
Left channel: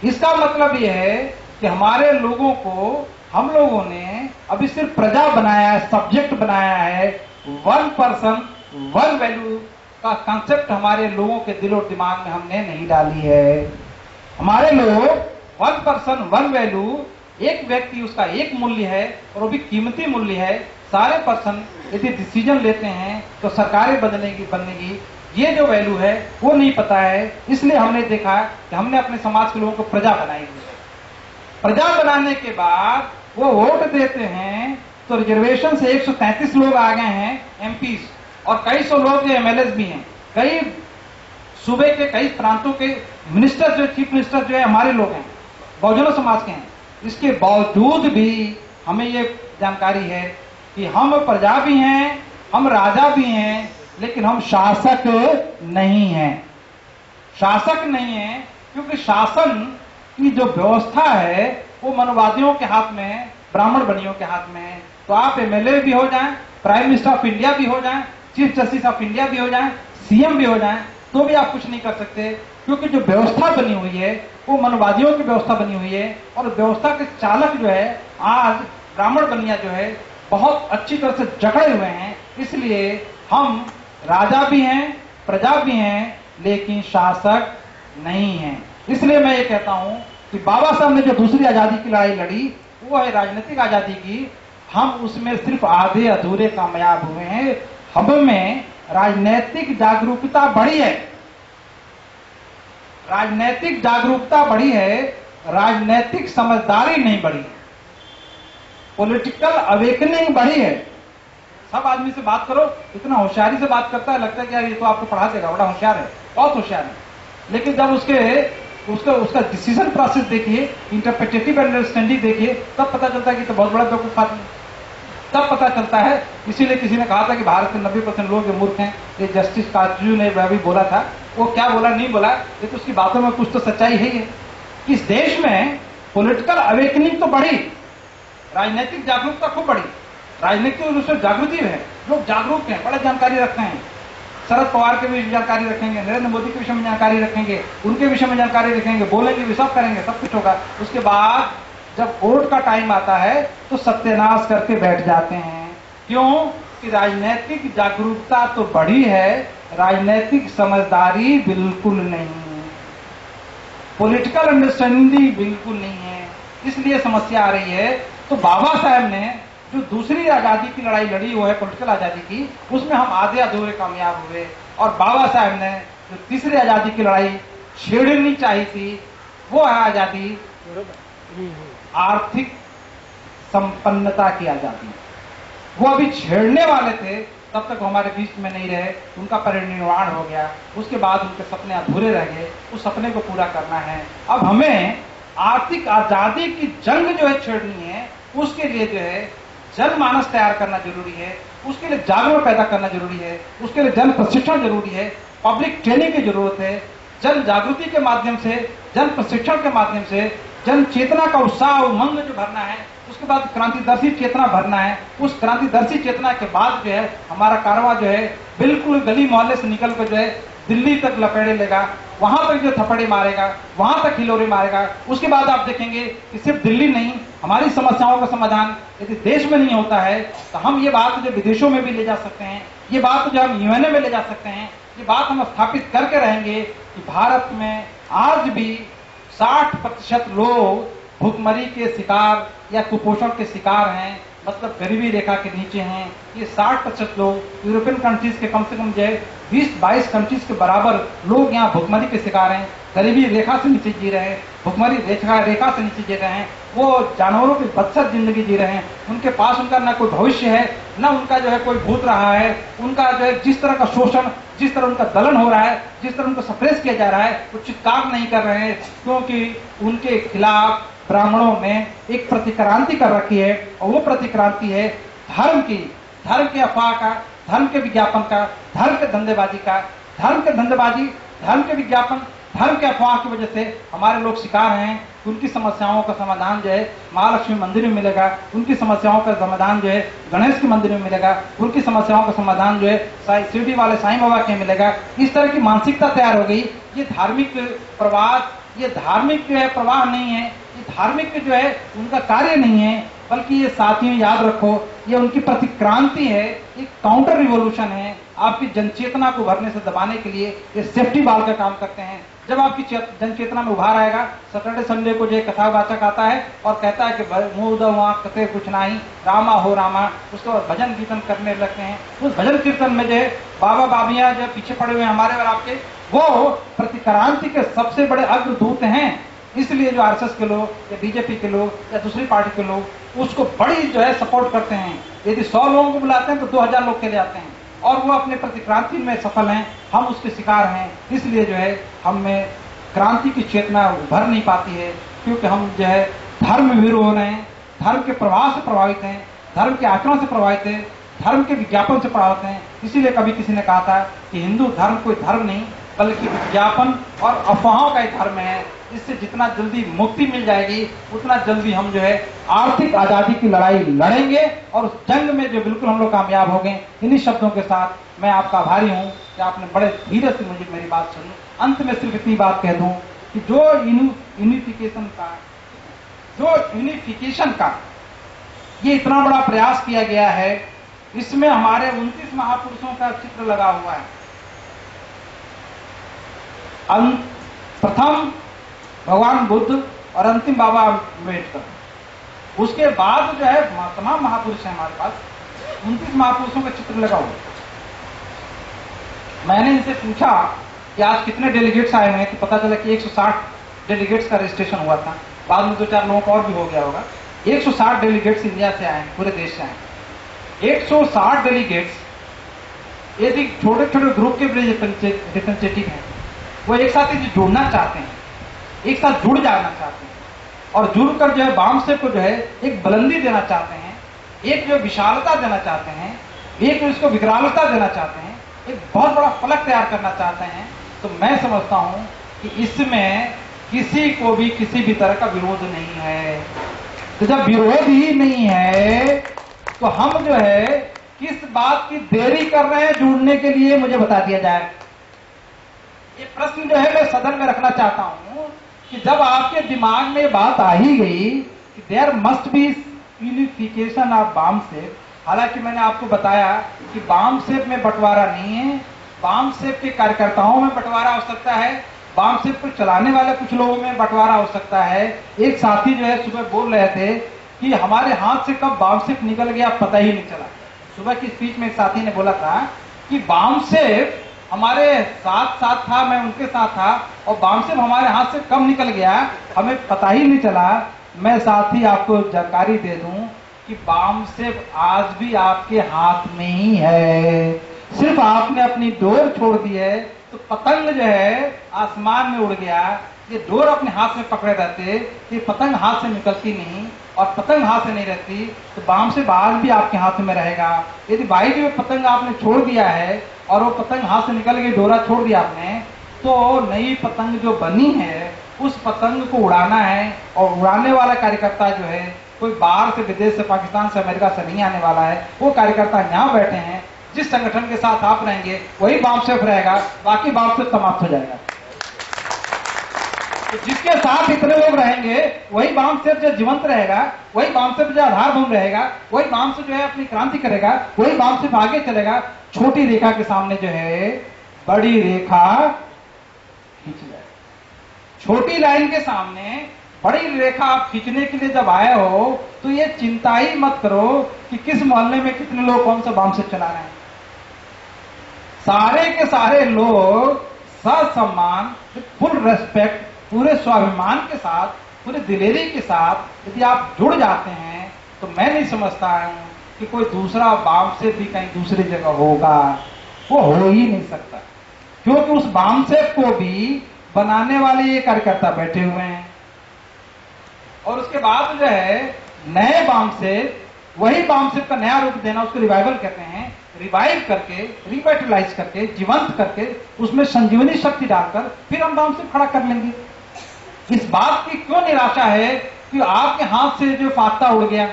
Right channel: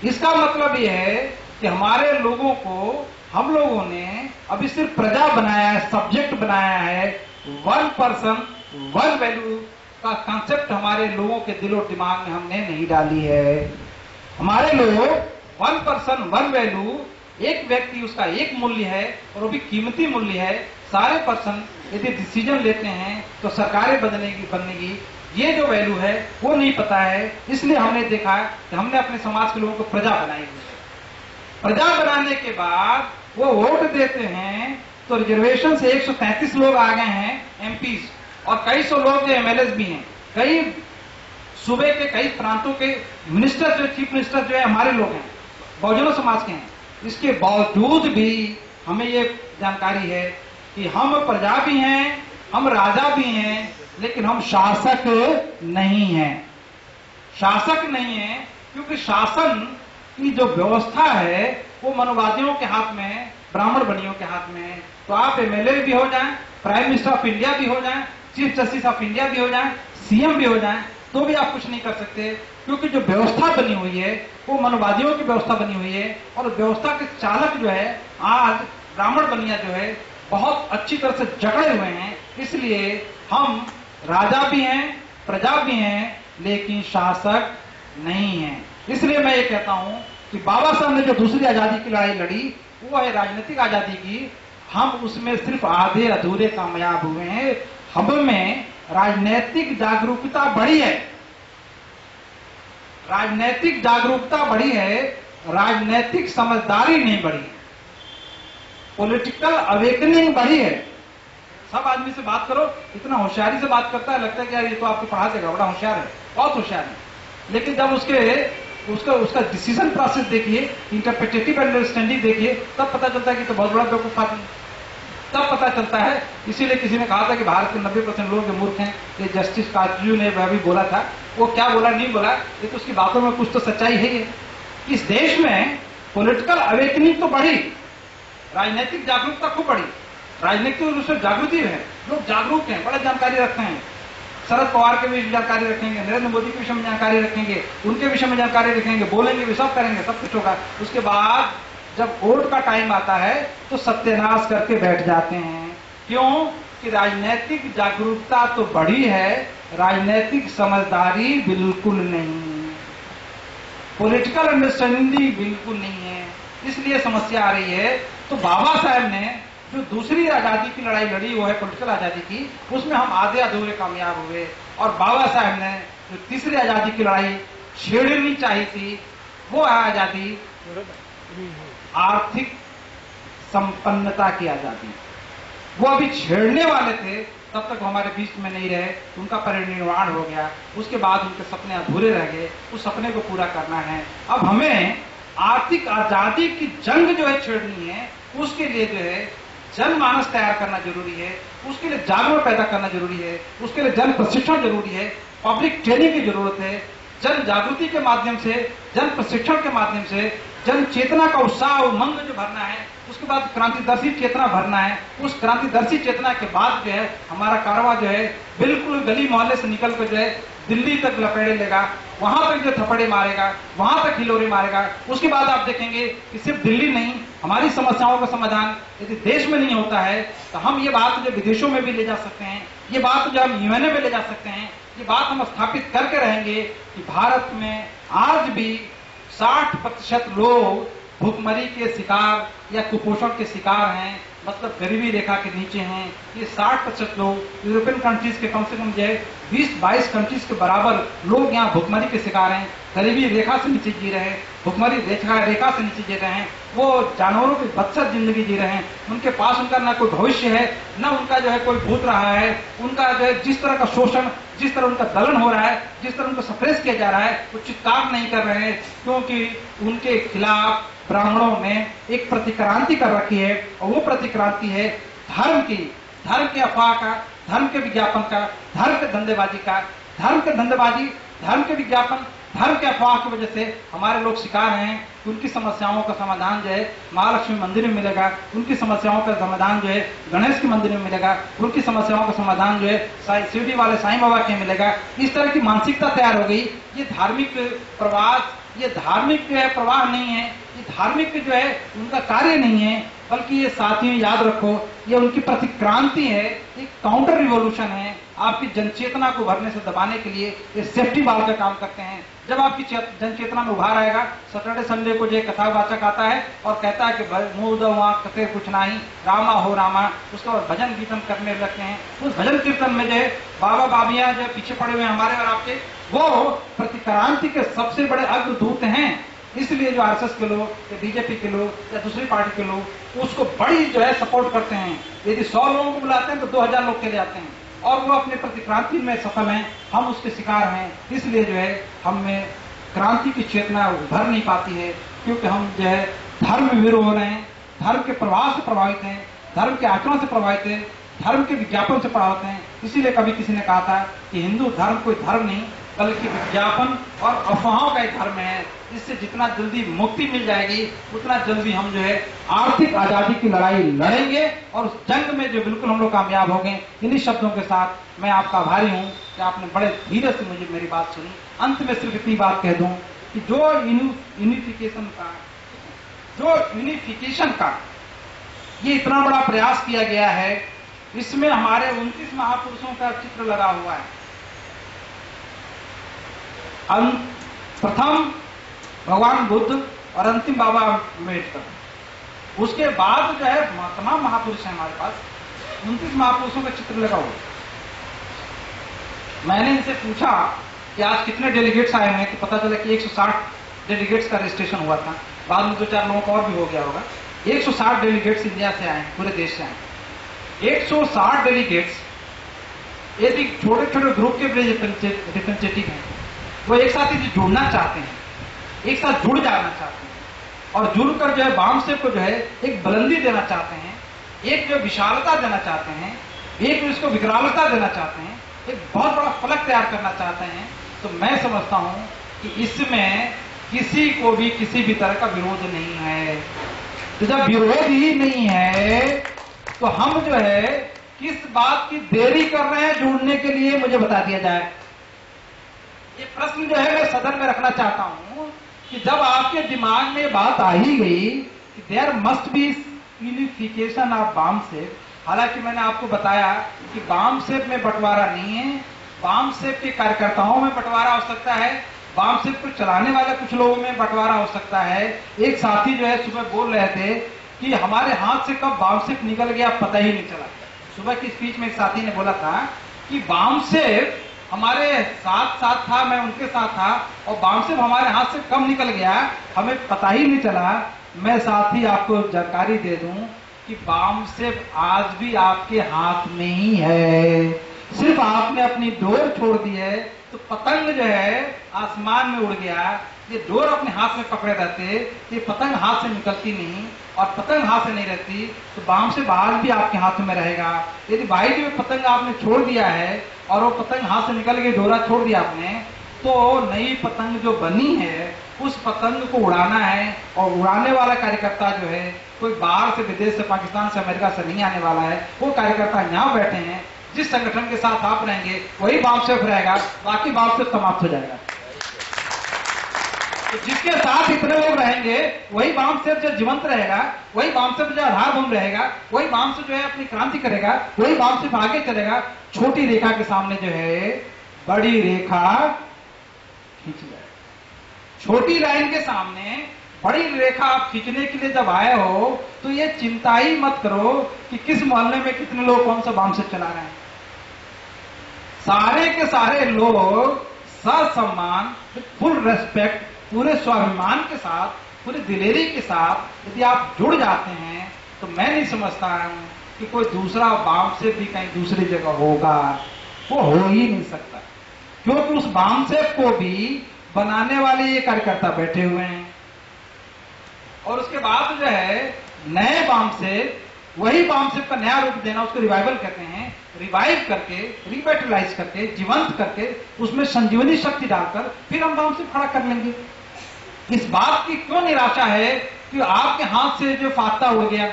इसका मतलब यह है कि हमारे लोगों को, हम लोगों ने अभी सिर्फ प्रजा बनाया है, सब्जेक्ट बनाया है। वन पर्सन वन वैल्यू का कंसेप्ट हमारे लोगों के दिलो दिमाग में हमने नहीं डाली है। हमारे लोग वन पर्सन वन वैल्यू, एक व्यक्ति उसका एक मूल्य है और वो भी कीमती मूल्य है। सारे पर्सन यदि डिसीजन लेते हैं तो सरकारें बनेगी, ये जो वैल्यू है वो नहीं पता है। इसलिए हमने देखा कि हमने अपने समाज के लोगों को प्रजा बनाई हुई है। प्रजा बनाने के बाद वो वोट देते हैं तो रिजर्वेशन से 133 लोग आ गए हैं एमपीज, और कई सौ लोग एमएलए भी हैं। कई सूबे के, कई प्रांतों के मिनिस्टर जो, चीफ मिनिस्टर जो है हमारे लोग हैं, बहुजनों समाज के हैं। इसके बावजूद भी हमें ये जानकारी है कि हम प्रजा भी हैं, हम राजा भी हैं, लेकिन हम शासक नहीं हैं। शासक नहीं है क्योंकि शासन की जो व्यवस्था है वो मनोवादियों के हाथ में है, ब्राह्मण बनियों के हाथ में है। तो आप एमएलए भी हो जाएं, प्राइम मिनिस्टर ऑफ इंडिया भी हो जाएं, चीफ जस्टिस ऑफ इंडिया भी हो जाएं, सीएम भी हो जाएं, तो भी आप कुछ नहीं कर सकते, क्योंकि जो व्यवस्था बनी हुई है वो मनोवादियों की व्यवस्था बनी हुई है। और व्यवस्था के चालक जो है आज ब्राह्मण बनिया जो है बहुत अच्छी तरह से जकड़े हुए हैं। इसलिए हम राजा भी हैं, प्रजा भी हैं, लेकिन शासक नहीं हैं। इसलिए मैं ये कहता हूं कि बाबा साहब ने जो दूसरी आजादी की लड़ाई लड़ी वो है राजनीतिक आजादी की। हम उसमें सिर्फ आधे अधूरे कामयाब हुए हैं। हम में राजनीतिक जागरूकता बढ़ी है, राजनीतिक जागरूकता बढ़ी है, राजनीतिक समझदारी नहीं बढ़ी। पॉलिटिकल अवेकनिंग बढ़ी है। सब आदमी से बात करो, इतना होशियारी से बात करता है, लगता है कि यार ये तो आपको पढ़ा देगा, बड़ा होशियार है, बहुत होशियार है। लेकिन जब उसका डिसीजन प्रोसेस देखिए, इंटरप्रिटेटिव अंडरस्टैंडिंग देखिए, तब पता चलता है कि तो बहुत बड़ा बेवकूफ आदमी, तब पता चलता है। इसीलिए किसी ने कहा था कि भारत के 90% लोग मूर्ख हैं। ये जस्टिस काजू ने भी बोला था, वो क्या बोला नहीं बोला, ये तो उसकी बातों में कुछ तो सच्चाई है। ये इस देश में पॉलिटिकल अवेकनिंग तो बढ़ी, राजनीतिक जागरूकता खूब बढ़ी, राजनीतिक रूप से जागृति है, लोग जागरूक हैं, बड़ा जानकारी रखते हैं। शरद पवार के विषय में जानकारी रखेंगे, नरेंद्र मोदी के विषय में जानकारी रखेंगे, उनके विषय में जानकारी रखेंगे, बोलेंगे भी, सब करेंगे, सब कुछ होगा। उसके बाद जब वोट का टाइम आता है तो सत्यानाश करके बैठ जाते हैं। क्यों? कि राजनीतिक जागरूकता तो बढ़ी है, राजनीतिक समझदारी बिल्कुल नहीं, पॉलिटिकल अंडरस्टैंडिंग बिल्कुल नहीं है। इसलिए समस्या आ रही है। तो बाबा साहब ने जो दूसरी आजादी की लड़ाई लड़ी वो है पॉलिटिकल आजादी की, उसमें हम आधे अधूरे कामयाब हुए। और बाबा साहब ने जो तीसरी आजादी की लड़ाई छेड़नी चाहिए थी वो है आजादी आर्थिक संपन्नता की आजादी। वो अभी छेड़ने वाले थे, तब तक वो हमारे बीच में नहीं रहे, उनका परिनिर्वाण हो गया। उसके बाद उनके सपने अधूरे रह गए, उस सपने को पूरा करना है। अब हमें आर्थिक आजादी की जंग जो है छेड़नी है, उसके लिए जो है जनमानस तैयार करना जरूरी है, उसके लिए जागरूकता पैदा करना जरूरी है, उसके लिए जन प्रशिक्षण जरूरी है, पब्लिक ट्रेनिंग की जरूरत है। जन जागृति के माध्यम से, जन प्रशिक्षण के माध्यम से जन चेतना का उत्साह उमंग जो भरना है, उसके बाद क्रांतिदर्शी चेतना भरना है। उस क्रांतिदर्शी चेतना के बाद जो है हमारा कारवां जो है बिल्कुल गली मोहल्ले से निकल कर जो है दिल्ली तक लपेड़े लेगा, वहां तक जो थप्पड़े मारेगा, वहां तक हिलोरे मारेगा। उसके बाद आप देखेंगे कि सिर्फ दिल्ली नहीं, हमारी समस्याओं का समाधान यदि देश में नहीं होता है तो हम ये बात जो विदेशों में भी ले जा सकते हैं, ये बात जो हम यूएनए में ले जा सकते हैं, ये बात हम स्थापित करके रहेंगे कि भारत में आज भी 60% लोग भूखमरी के शिकार या कुपोषण के शिकार हैं, मतलब गरीबी रेखा के नीचे हैं। ये 60% लोग यूरोपियन कंट्रीज के कम से कम जो है 20-22 कंट्रीज के बराबर लोग यहाँ भूखमरी के शिकार हैं, गरीबी रेखा से नीचे जी रहे हैं, भूखमरी रेखा से नीचे जी रहे हैं। वो जानवरों की बदतर जिंदगी जी रहे हैं। उनके पास उनका ना कोई भविष्य है, ना उनका जो है कोई भूत रहा है। उनका जो है जिस तरह का शोषण, जिस तरह उनका दलन हो रहा है, जिस तरह उनको सप्रेस किया जा रहा है, वो चित्कार नहीं कर रहे हैं, क्योंकि उनके खिलाफ ब्राह्मणों ने एक प्रतिक्रांति कर रखी है। और वो प्रतिक्रांति है धर्म की, धर्म के अफवाह का, धर्म के विज्ञापन का, धर्म के धंधेबाजी का। धर्म के धंधेबाजी, धर्म के विज्ञापन, धर्म के अफवाह की वजह से हमारे लोग शिकार हैं। उनकी समस्याओं का समाधान जो है महालक्ष्मी मंदिर में मिलेगा, उनकी समस्याओं का समाधान जो है गणेश के मंदिर में मिलेगा, उनकी समस्याओं का समाधान जो है शिरडी वाले साईं बाबा के मिलेगा। इस तरह की मानसिकता तैयार हो गई। ये धार्मिक प्रवास, ये धार्मिक जो है प्रवाह नहीं है, ये धार्मिक जो है उनका कार्य नहीं है, बल्कि ये साथियों याद रखो, ये उनकी प्रतिक्रांति है, एक काउंटर रिवॉल्यूशन है। आपकी जनचेतना को भरने से दबाने के लिए ये सेफ्टी बाल का काम करते हैं। जब आपकी जनचेतना में उभार आएगा, सैटरडे संडे को जो कथावाचक आता है और कहता है कि मुंह दो वहां कथे कुछ नहीं, रामा हो रामा, उसके बाद भजन कीर्तन करने लगते हैं। उस भजन कीर्तन में जो बाबा बाबियां जो पीछे पड़े हुए हैं हमारे और आपके, वो प्रतिक्रांति के सबसे बड़े अग्रदूत हैं। इसलिए जो आरएसएस के लोग या बीजेपी के लोग या दूसरी पार्टी के लोग उसको बड़ी जो है सपोर्ट करते हैं। यदि 100 लोगों को बुलाते हैं तो 2000 लोग चले आते हैं और वो अपने प्रतिक्रांति में सफल हैं। हम उसके शिकार हैं। इसलिए जो है हम में क्रांति की चेतना उभर नहीं पाती है, क्योंकि हम जो है धर्म विरोध हो रहे हैं, धर्म के प्रवाह से प्रभावित हैं, धर्म के आचरण से प्रभावित हैं, धर्म के विज्ञापन से प्रभावित हैं। इसीलिए कभी किसी ने कहा था कि हिंदू धर्म कोई धर्म नहीं बल्कि विज्ञापन और अफवाहों का एक धर्म है। इससे जितना जल्दी मुक्ति मिल जाएगी उतना जल्दी हम जो है आर्थिक आजादी की लड़ाई लड़ेंगे और उस जंग में जो बिल्कुल हम लोग कामयाब हो गए। इन्हीं शब्दों के साथ मैं आपका आभारी हूं कि आपने बड़े धीरज से मुझे मेरी बात सुनी। अंत में सिर्फ इतनी बात कह दूं कि जो यूनिफिकेशन का ये इतना बड़ा प्रयास किया गया है, इसमें हमारे 29 महापुरुषों का चित्र लगा हुआ है। प्रथम भगवान बुद्ध और अंतिम बाबा अम्बेडकर। उसके बाद जो है तमाम महापुरुष हैं हमारे पास, 29 महापुरुषों का चित्र लगा हुआ। मैंने इनसे पूछा कि आज कितने डेलीगेट्स आए हैं, तो पता चला कि 160 डेलीगेट्स का रजिस्ट्रेशन हुआ था। बाद में 2-4 लोगों का और भी हो गया होगा। 160 डेलीगेट्स इंडिया से आए, पूरे देश से आए। 160 डेलीगेट्स यदि छोटे छोटे ग्रुप के रिप्रेजेंटेटिव हैं, वो एक साथ ही जुड़ना चाहते हैं, एक साथ जुड़ जाना चाहते हैं और जुड़कर जो है वामसेप को जो है एक बुलंदी देना चाहते हैं, एक जो विशालता देना चाहते हैं, एक जो इसको विकरालता देना चाहते हैं, एक बहुत बड़ा फलक तैयार करना चाहते हैं। तो मैं समझता हूं कि इसमें किसी को भी किसी भी तरह का विरोध नहीं है। तो जब विरोध ही नहीं है तो हम जो है किस बात की देरी कर रहे हैं जुड़ने के लिए, मुझे बता दिया जाए। ये प्रश्न जो है मैं सदन में रखना चाहता हूं कि जब आपके दिमाग में बात आ ही गई कि there must be unification of वामसेप, हालांकि मैंने आपको बताया कि वामसेप में बंटवारा नहीं है, वामसेप के कार्यकर्ताओं में बंटवारा हो सकता है, वामसेप को चलाने वाले कुछ लोगों में बंटवारा हो सकता है। एक साथी जो है सुबह बोल रहे थे कि हमारे हाथ से कब वामसेप निकल गया पता ही नहीं चला। सुबह की स्पीच में एक साथी ने बोला था कि वामसेप हमारे साथ था, मैं उनके साथ था और वामसेप हमारे हाथ से कब निकल गया हमें पता ही नहीं चला। मैं साथी आपको जानकारी दे दूं कि वामसेप आज भी आपके हाथ में ही है, सिर्फ आपने अपनी डोर छोड़ दी है। तो पतंग जो है आसमान में उड़ गया, ये डोर अपने हाथ में पकड़े रहते, ये पतंग हाथ से निकलती नहीं और पतंग हाथ से नहीं रहती तो वामसेप आज भी आपके हाथ में रहेगा। यदि बाइक में पतंग आपने छोड़ दिया है और वो पतंग हाथ से निकल गई, डोरा छोड़ दिया आपने, तो नई पतंग जो बनी है उस पतंग को उड़ाना है, और उड़ाने वाला कार्यकर्ता जो है कोई बाहर से, विदेश से, पाकिस्तान से, अमेरिका से नहीं आने वाला है। वो कार्यकर्ता यहाँ बैठे हैं। जिस संगठन के साथ आप रहेंगे वही बामसेफ रहेगा, बाकी बामसेफ समाप्त हो जाएगा। तो जिसके साथ इतने लोग रहेंगे वही बामसेफ जो जीवंत रहेगा, वही बामसेफ जो आधारभूमि रहेगा, वही बामसेफ जो है अपनी क्रांति करेगा, वही बामसेफ आगे चलेगा। छोटी रेखा के सामने जो है बड़ी रेखा खींच जाए। छोटी लाइन के सामने बड़ी रेखा आप खींचने के लिए जब आए हो तो ये चिंता ही मत करो कि किस मोहल्ले में कितने लोग कौन सा बामसेफ चला रहे हैं। सारे के सारे लोग ससम्मान, फुल रेस्पेक्ट, पूरे स्वाभिमान के साथ, पूरे दिलेरी के साथ यदि आप जुड़ जाते हैं तो मैं नहीं समझता हूं कि कोई दूसरा बामसेफ भी कहीं दूसरी जगह होगा। वो हो ही नहीं सकता, क्योंकि उस बामसेफ को भी बनाने वाले ये कार्यकर्ता बैठे हुए हैं। और उसके बाद जो है नए बामसेफ, वही बामसेफ का नया रूप देना, उसको रिवाइवल कहते हैं। रिवाइव करके, रिवाइटलाइज करके, जीवंत करके, उसमें संजीवनी शक्ति डालकर फिर हम बामसेफ खड़ा कर लेंगे। इस बात की क्यों निराशा है कि आपके हाथ से जो फाख्ता उड़ गया,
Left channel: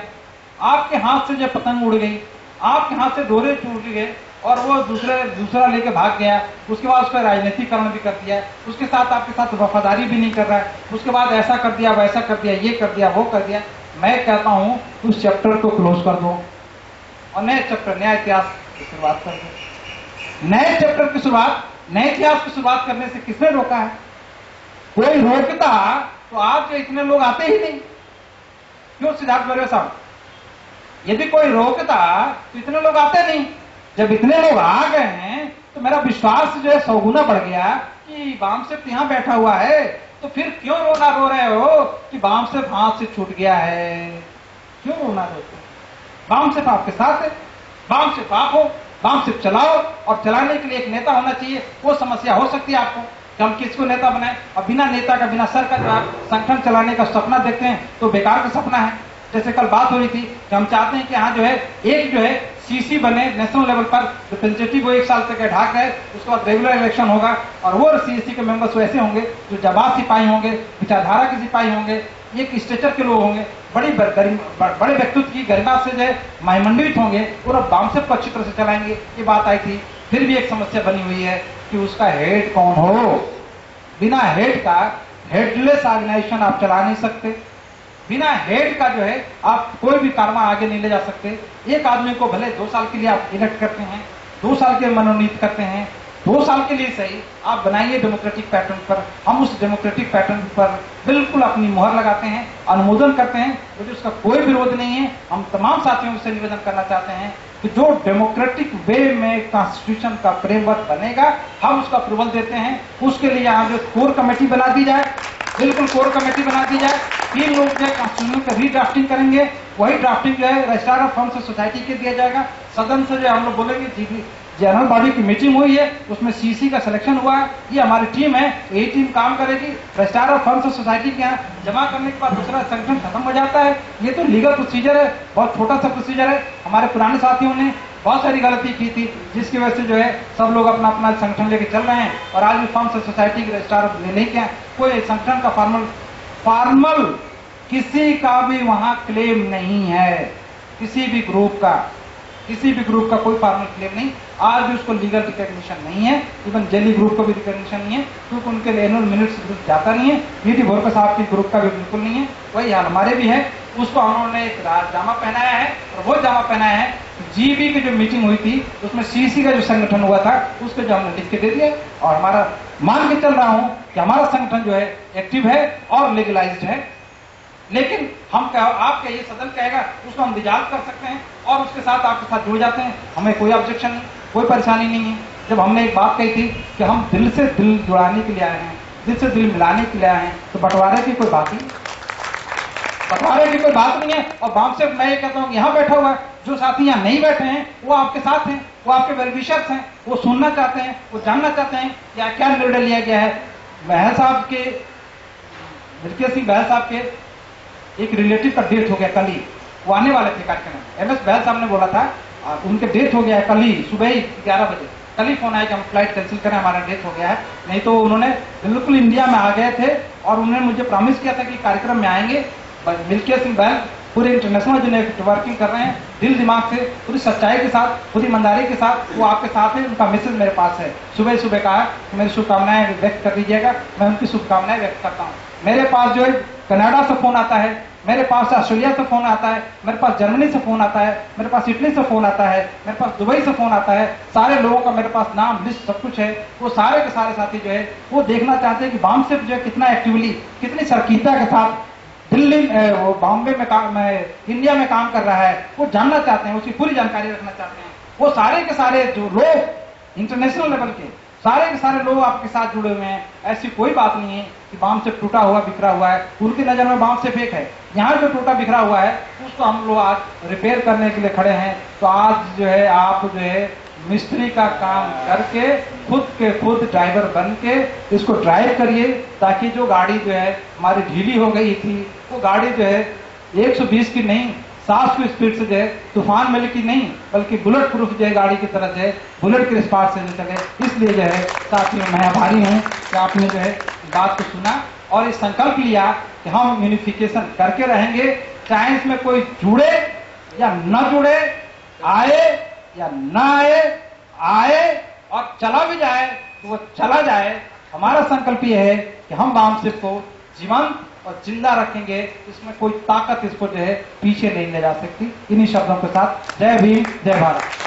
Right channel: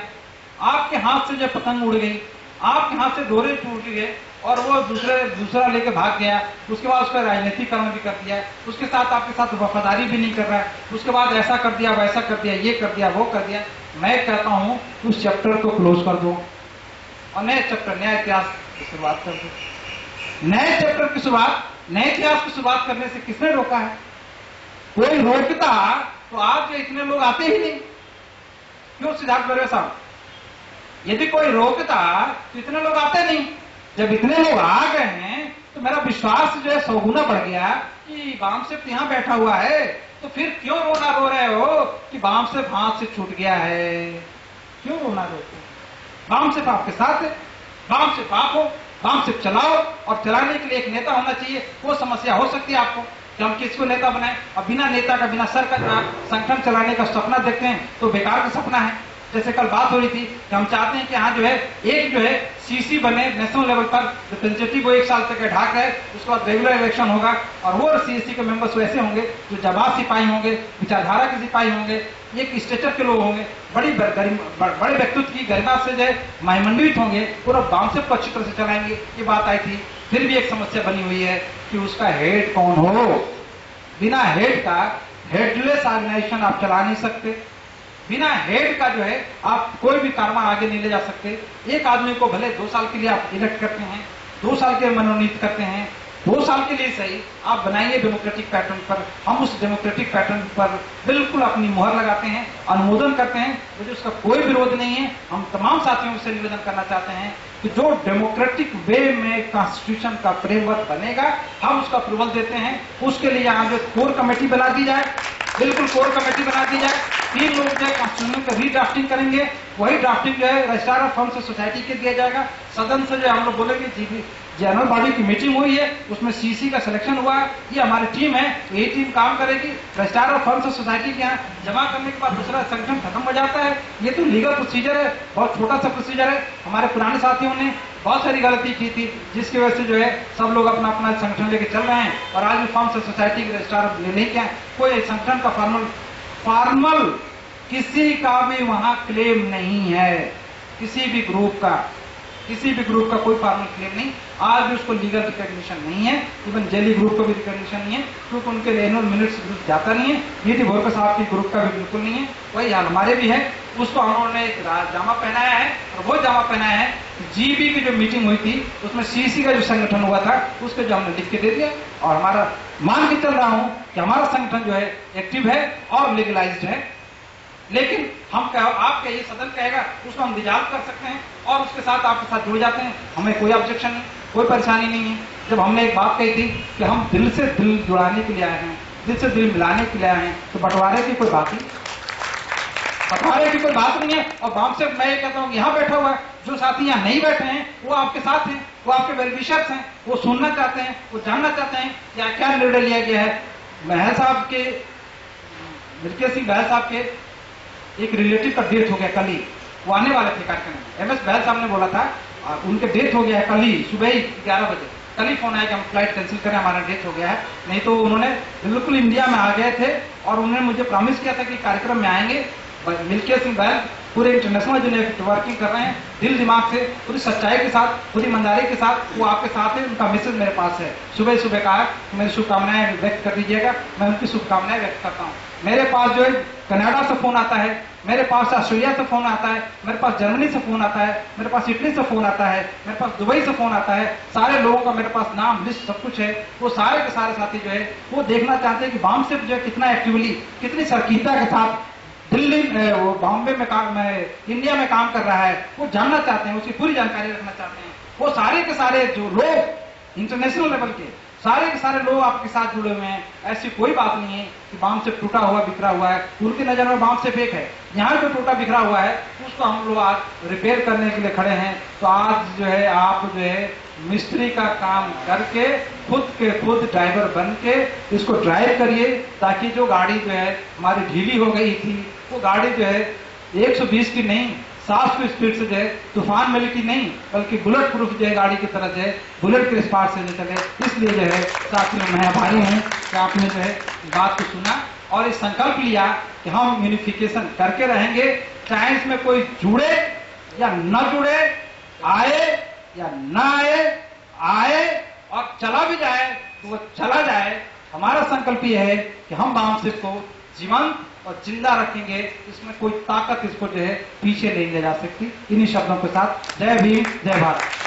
आपके हाथ से जो पतंग उड़ गई, आपके हाथ से डोरे टूट गए और वो दूसरा लेके भाग गया, उसके बाद उसका राजनीतिकरण भी कर दिया, उसके साथ आपके साथ वफादारी भी नहीं कर रहा है, उसके बाद ऐसा कर दिया, वैसा कर दिया, ये कर दिया, वो कर दिया। मैं कहता हूं उस चैप्टर को क्लोज कर दो और नए चैप्टर, नया इतिहास की शुरुआत कर दो। नए चैप्टर की शुरुआत, नए इतिहास की शुरुआत करने से किसने रोका है? कोई रोकता तो आज जो इतने लोग आते ही नहीं। क्यों सिद्धार्थ बरुआ साहब? यदि कोई रोकता तो इतने लोग आते नहीं। जब इतने लोग आ गए हैं तो मेरा विश्वास जो है 100 गुना बढ़ गया कि बामसेफ यहां बैठा हुआ है। तो फिर क्यों रोना रो रहे हो कि बामसेफ हाथ से छूट गया है? क्यों रोना रोते? बामसेफ आपके साथ है, बामसेफ आप हो, बामसेफ चलाओ। और चलाने के लिए एक नेता होना चाहिए। वो समस्या हो सकती है आपको कि हम किसको नेता बनाएं, और बिना नेता का, बिना सर का जो आप संगठन चलाने का सपना देखते हैं तो बेकार का सपना है। जैसे कल बात हो रही थी कि हम चाहते हैं कि यहाँ जो है एक जो है सीसी बने नेशनल लेवल पर, रिप्रेजेंटेटिव वो 1 साल तक ढाक है, उसके बाद रेगुलर इलेक्शन होगा और वो सीसी के मेंबर्स वैसे होंगे जो जवाब सिपाही होंगे, विचारधारा के सिपाही होंगे, एक स्टेचर के लोग होंगे, बड़े व्यक्तित्व की गरिमा से जो है महिमंडित होंगे, पूरा बामसेफ को अच्छी तरह से चलाएंगे। ये बात आई थी। फिर भी एक समस्या बनी हुई है कि उसका हेड कौन हो। बिना हेड का हेडलेस ऑर्गेनाइजेशन आप चला नहीं सकते। बिना हेड का जो है आप कोई भी कारवा आगे नहीं ले जा सकते। एक आदमी को भले 2 साल के लिए आप इलेक्ट करते हैं, 2 साल के मनोनीत करते हैं, 2 साल के लिए सही आप बनाइए डेमोक्रेटिक पैटर्न पर। हम उस डेमोक्रेटिक पैटर्न पर बिल्कुल अपनी मुहर लगाते हैं, अनुमोदन करते हैं। मुझे उसका कोई विरोध नहीं है। हम तमाम साथियों से निवेदन करना चाहते हैं कि जो डेमोक्रेटिक वे में कॉन्स्टिट्यूशन का फ्रेमवर्क बनेगा हम उसका अप्रूवल देते हैं। उसके लिए यहाँ जो कोर कमेटी बना दी जाए, बिल्कुल कोर कमेटी बना दी जाए। 3 लोग जो है कॉन्स्टिट्यूशन का रीड्राफ्टिंग करेंगे। वही ड्राफ्टिंग जो है रजिस्ट्रार ऑफ फंड्स सोसाइटी के दिया जाएगा। सदन से जो हम लोग बोलेंगे जनरल बॉडी की मीटिंग हुई है, उसमें सीसी का सिलेक्शन हुआ है, ये हमारी टीम है, तो ये टीम काम करेगी। रजिस्ट्रार ऑफ फंड्स सोसाइटी के यहाँ जमा करने के बाद दूसरा संगठन खत्म हो जाता है। ये तो लीगल प्रोसीजर है, बहुत छोटा सा प्रोसीजर है। हमारे पुराने साथियों ने बहुत सारी गलती की थी जिसकी वजह से जो है सब लोग अपना अपना संगठन लेके चल रहे हैं और आज भी फंड्स सोसाइटी के रजिस्ट्रार नहीं किया। कोई संगठन का फॉर्मल किसी का भी वहां क्लेम नहीं है। किसी भी ग्रुप का कोई फॉर्मल क्लेम नहीं। आज भी उसको लीगल रिकॉग्निशन नहीं है। इवन जेली ग्रुप को भी रिकॉग्निशन नहीं है क्योंकि उनके लिए एनुअल मिनट्स ग्रुप जाता नहीं है। नीति बोरकर साहब की ग्रुप का भी बिल्कुल नहीं है। वही हाल हमारे भी है। उसको उन्होंने एक जामा पहनाया है और वो जामा पहनाया है। जीबी की जो मीटिंग हुई थी उसमें सीसी का जो संगठन हुआ था उसको जो हमने लिख के दे दिया और हमारा मान के चल रहा हूं कि हमारा संगठन जो है एक्टिव है और लीगलाइज्ड है। लेकिन हम आपका ये सदन कहेगा उसको हम डिजॉल्व कर सकते हैं और उसके साथ आपके साथ जुड़ जाते हैं। हमें कोई ऑब्जेक्शन नहीं, कोई परेशानी नहीं है। जब हमने एक बात कही थी कि हम दिल से दिल जुड़ाने के लिए आए हैं, दिल से दिल मिलाने के लिए आए हैं, तो बंटवारे की कोई बात नहीं, बंटवारे की कोई बात नहीं है। और बामसेफ मैं ये कहता हूँ यहाँ बैठा हुआ है, जो साथी यहाँ नहीं बैठे हैं वो आपके साथ हैं, वो आपके वेलविशर्स हैं, वो सुनना चाहते हैं, वो जानना चाहते हैं या क्या निर्णय लिया गया है। बहल साहब के, मिल्कियत सिंह बहल साहब के एक रिलेटिव का डेथ हो गया कल ही। वो आने वाले थे कार्यक्रम में। MS बहल साहब ने बोला था उनके डेथ हो गया है कल ही सुबह ही 11 बजे। कल ही फोन आया कि हम फ्लाइट कैंसिल करें, हमारा डेथ हो गया है। नहीं तो उन्होंने बिल्कुल इंडिया में आ गए थे और उन्होंने मुझे प्रॉमिस किया था कि कार्यक्रम में आएंगे। मिल्किया सिंह बैंक पूरे इंटरनेशनल जो नेटवर्किंग कर रहे हैं, दिल दिमाग से, पूरी सच्चाई के साथ, पूरी ईमानदारी के साथ वो आपके साथ है। उनका मैसेज मेरे पास है, सुबह सुबह कहा कि मेरी शुभकामनाएं व्यक्त कर दीजिएगा। मैं उनकी शुभकामनाएं व्यक्त करता हूँ। मेरे पास जो है कनाडा से फोन आता है, मेरे पास ऑस्ट्रेलिया से फोन आता है, मेरे पास जर्मनी से फोन आता है, मेरे पास इटली से फोन आता है, मेरे पास दुबई से फोन आता है। सारे लोगों का मेरे पास नाम लिस्ट सब कुछ है। वो सारे के सारे साथी जो है वो देखना चाहते हैं कि बामसेफ जो है कितना एक्टिवली, कितनी सरकीता के साथ दिल्ली वो बॉम्बे में इंडिया में काम कर रहा है। वो जानना चाहते हैं, उसकी पूरी जानकारी रखना चाहते हैं। वो सारे के सारे जो लोग इंटरनेशनल लेवल के सारे के सारे लोग आपके साथ जुड़े हुए हैं। ऐसी कोई बात नहीं है कि बामसेफ टूटा हुआ बिखरा हुआ है। उनकी नजर में बामसेफ एक है। यहाँ जो टूटा बिखरा हुआ है उसको हम लोग आज रिपेयर करने के लिए खड़े हैं। तो आज जो है आप जो है मिस्त्री का काम करके खुद के खुद ड्राइवर बन के इसको ड्राइव करिए, ताकि जो गाड़ी जो है हमारी ढीली हो गई थी वो गाड़ी जो है 120 की नहीं 60 की स्पीड से जो है तूफान में की नहीं बल्कि बुलेट प्रूफ जो है गाड़ी की तरह जो है बुलेट के स्पीड से जो चले। इसलिए जो है साथियों मैं आभारी हूँ कि आपने जो है बात को सुना और इस संकल्प लिया कि हम यूनिफिकेशन करके रहेंगे, चाहे इसमें कोई जुड़े या न जुड़े, आए या न आए, आए और चला भी जाए तो वो चला जाए। हमारा संकल्प यह है कि हम बामसेफ को जीवंत और जिंदा रखेंगे। इसमें कोई ताकत इसको जो है पीछे नहीं ले जा सकती। इन्हीं शब्दों के साथ जय भीम, जय भारत।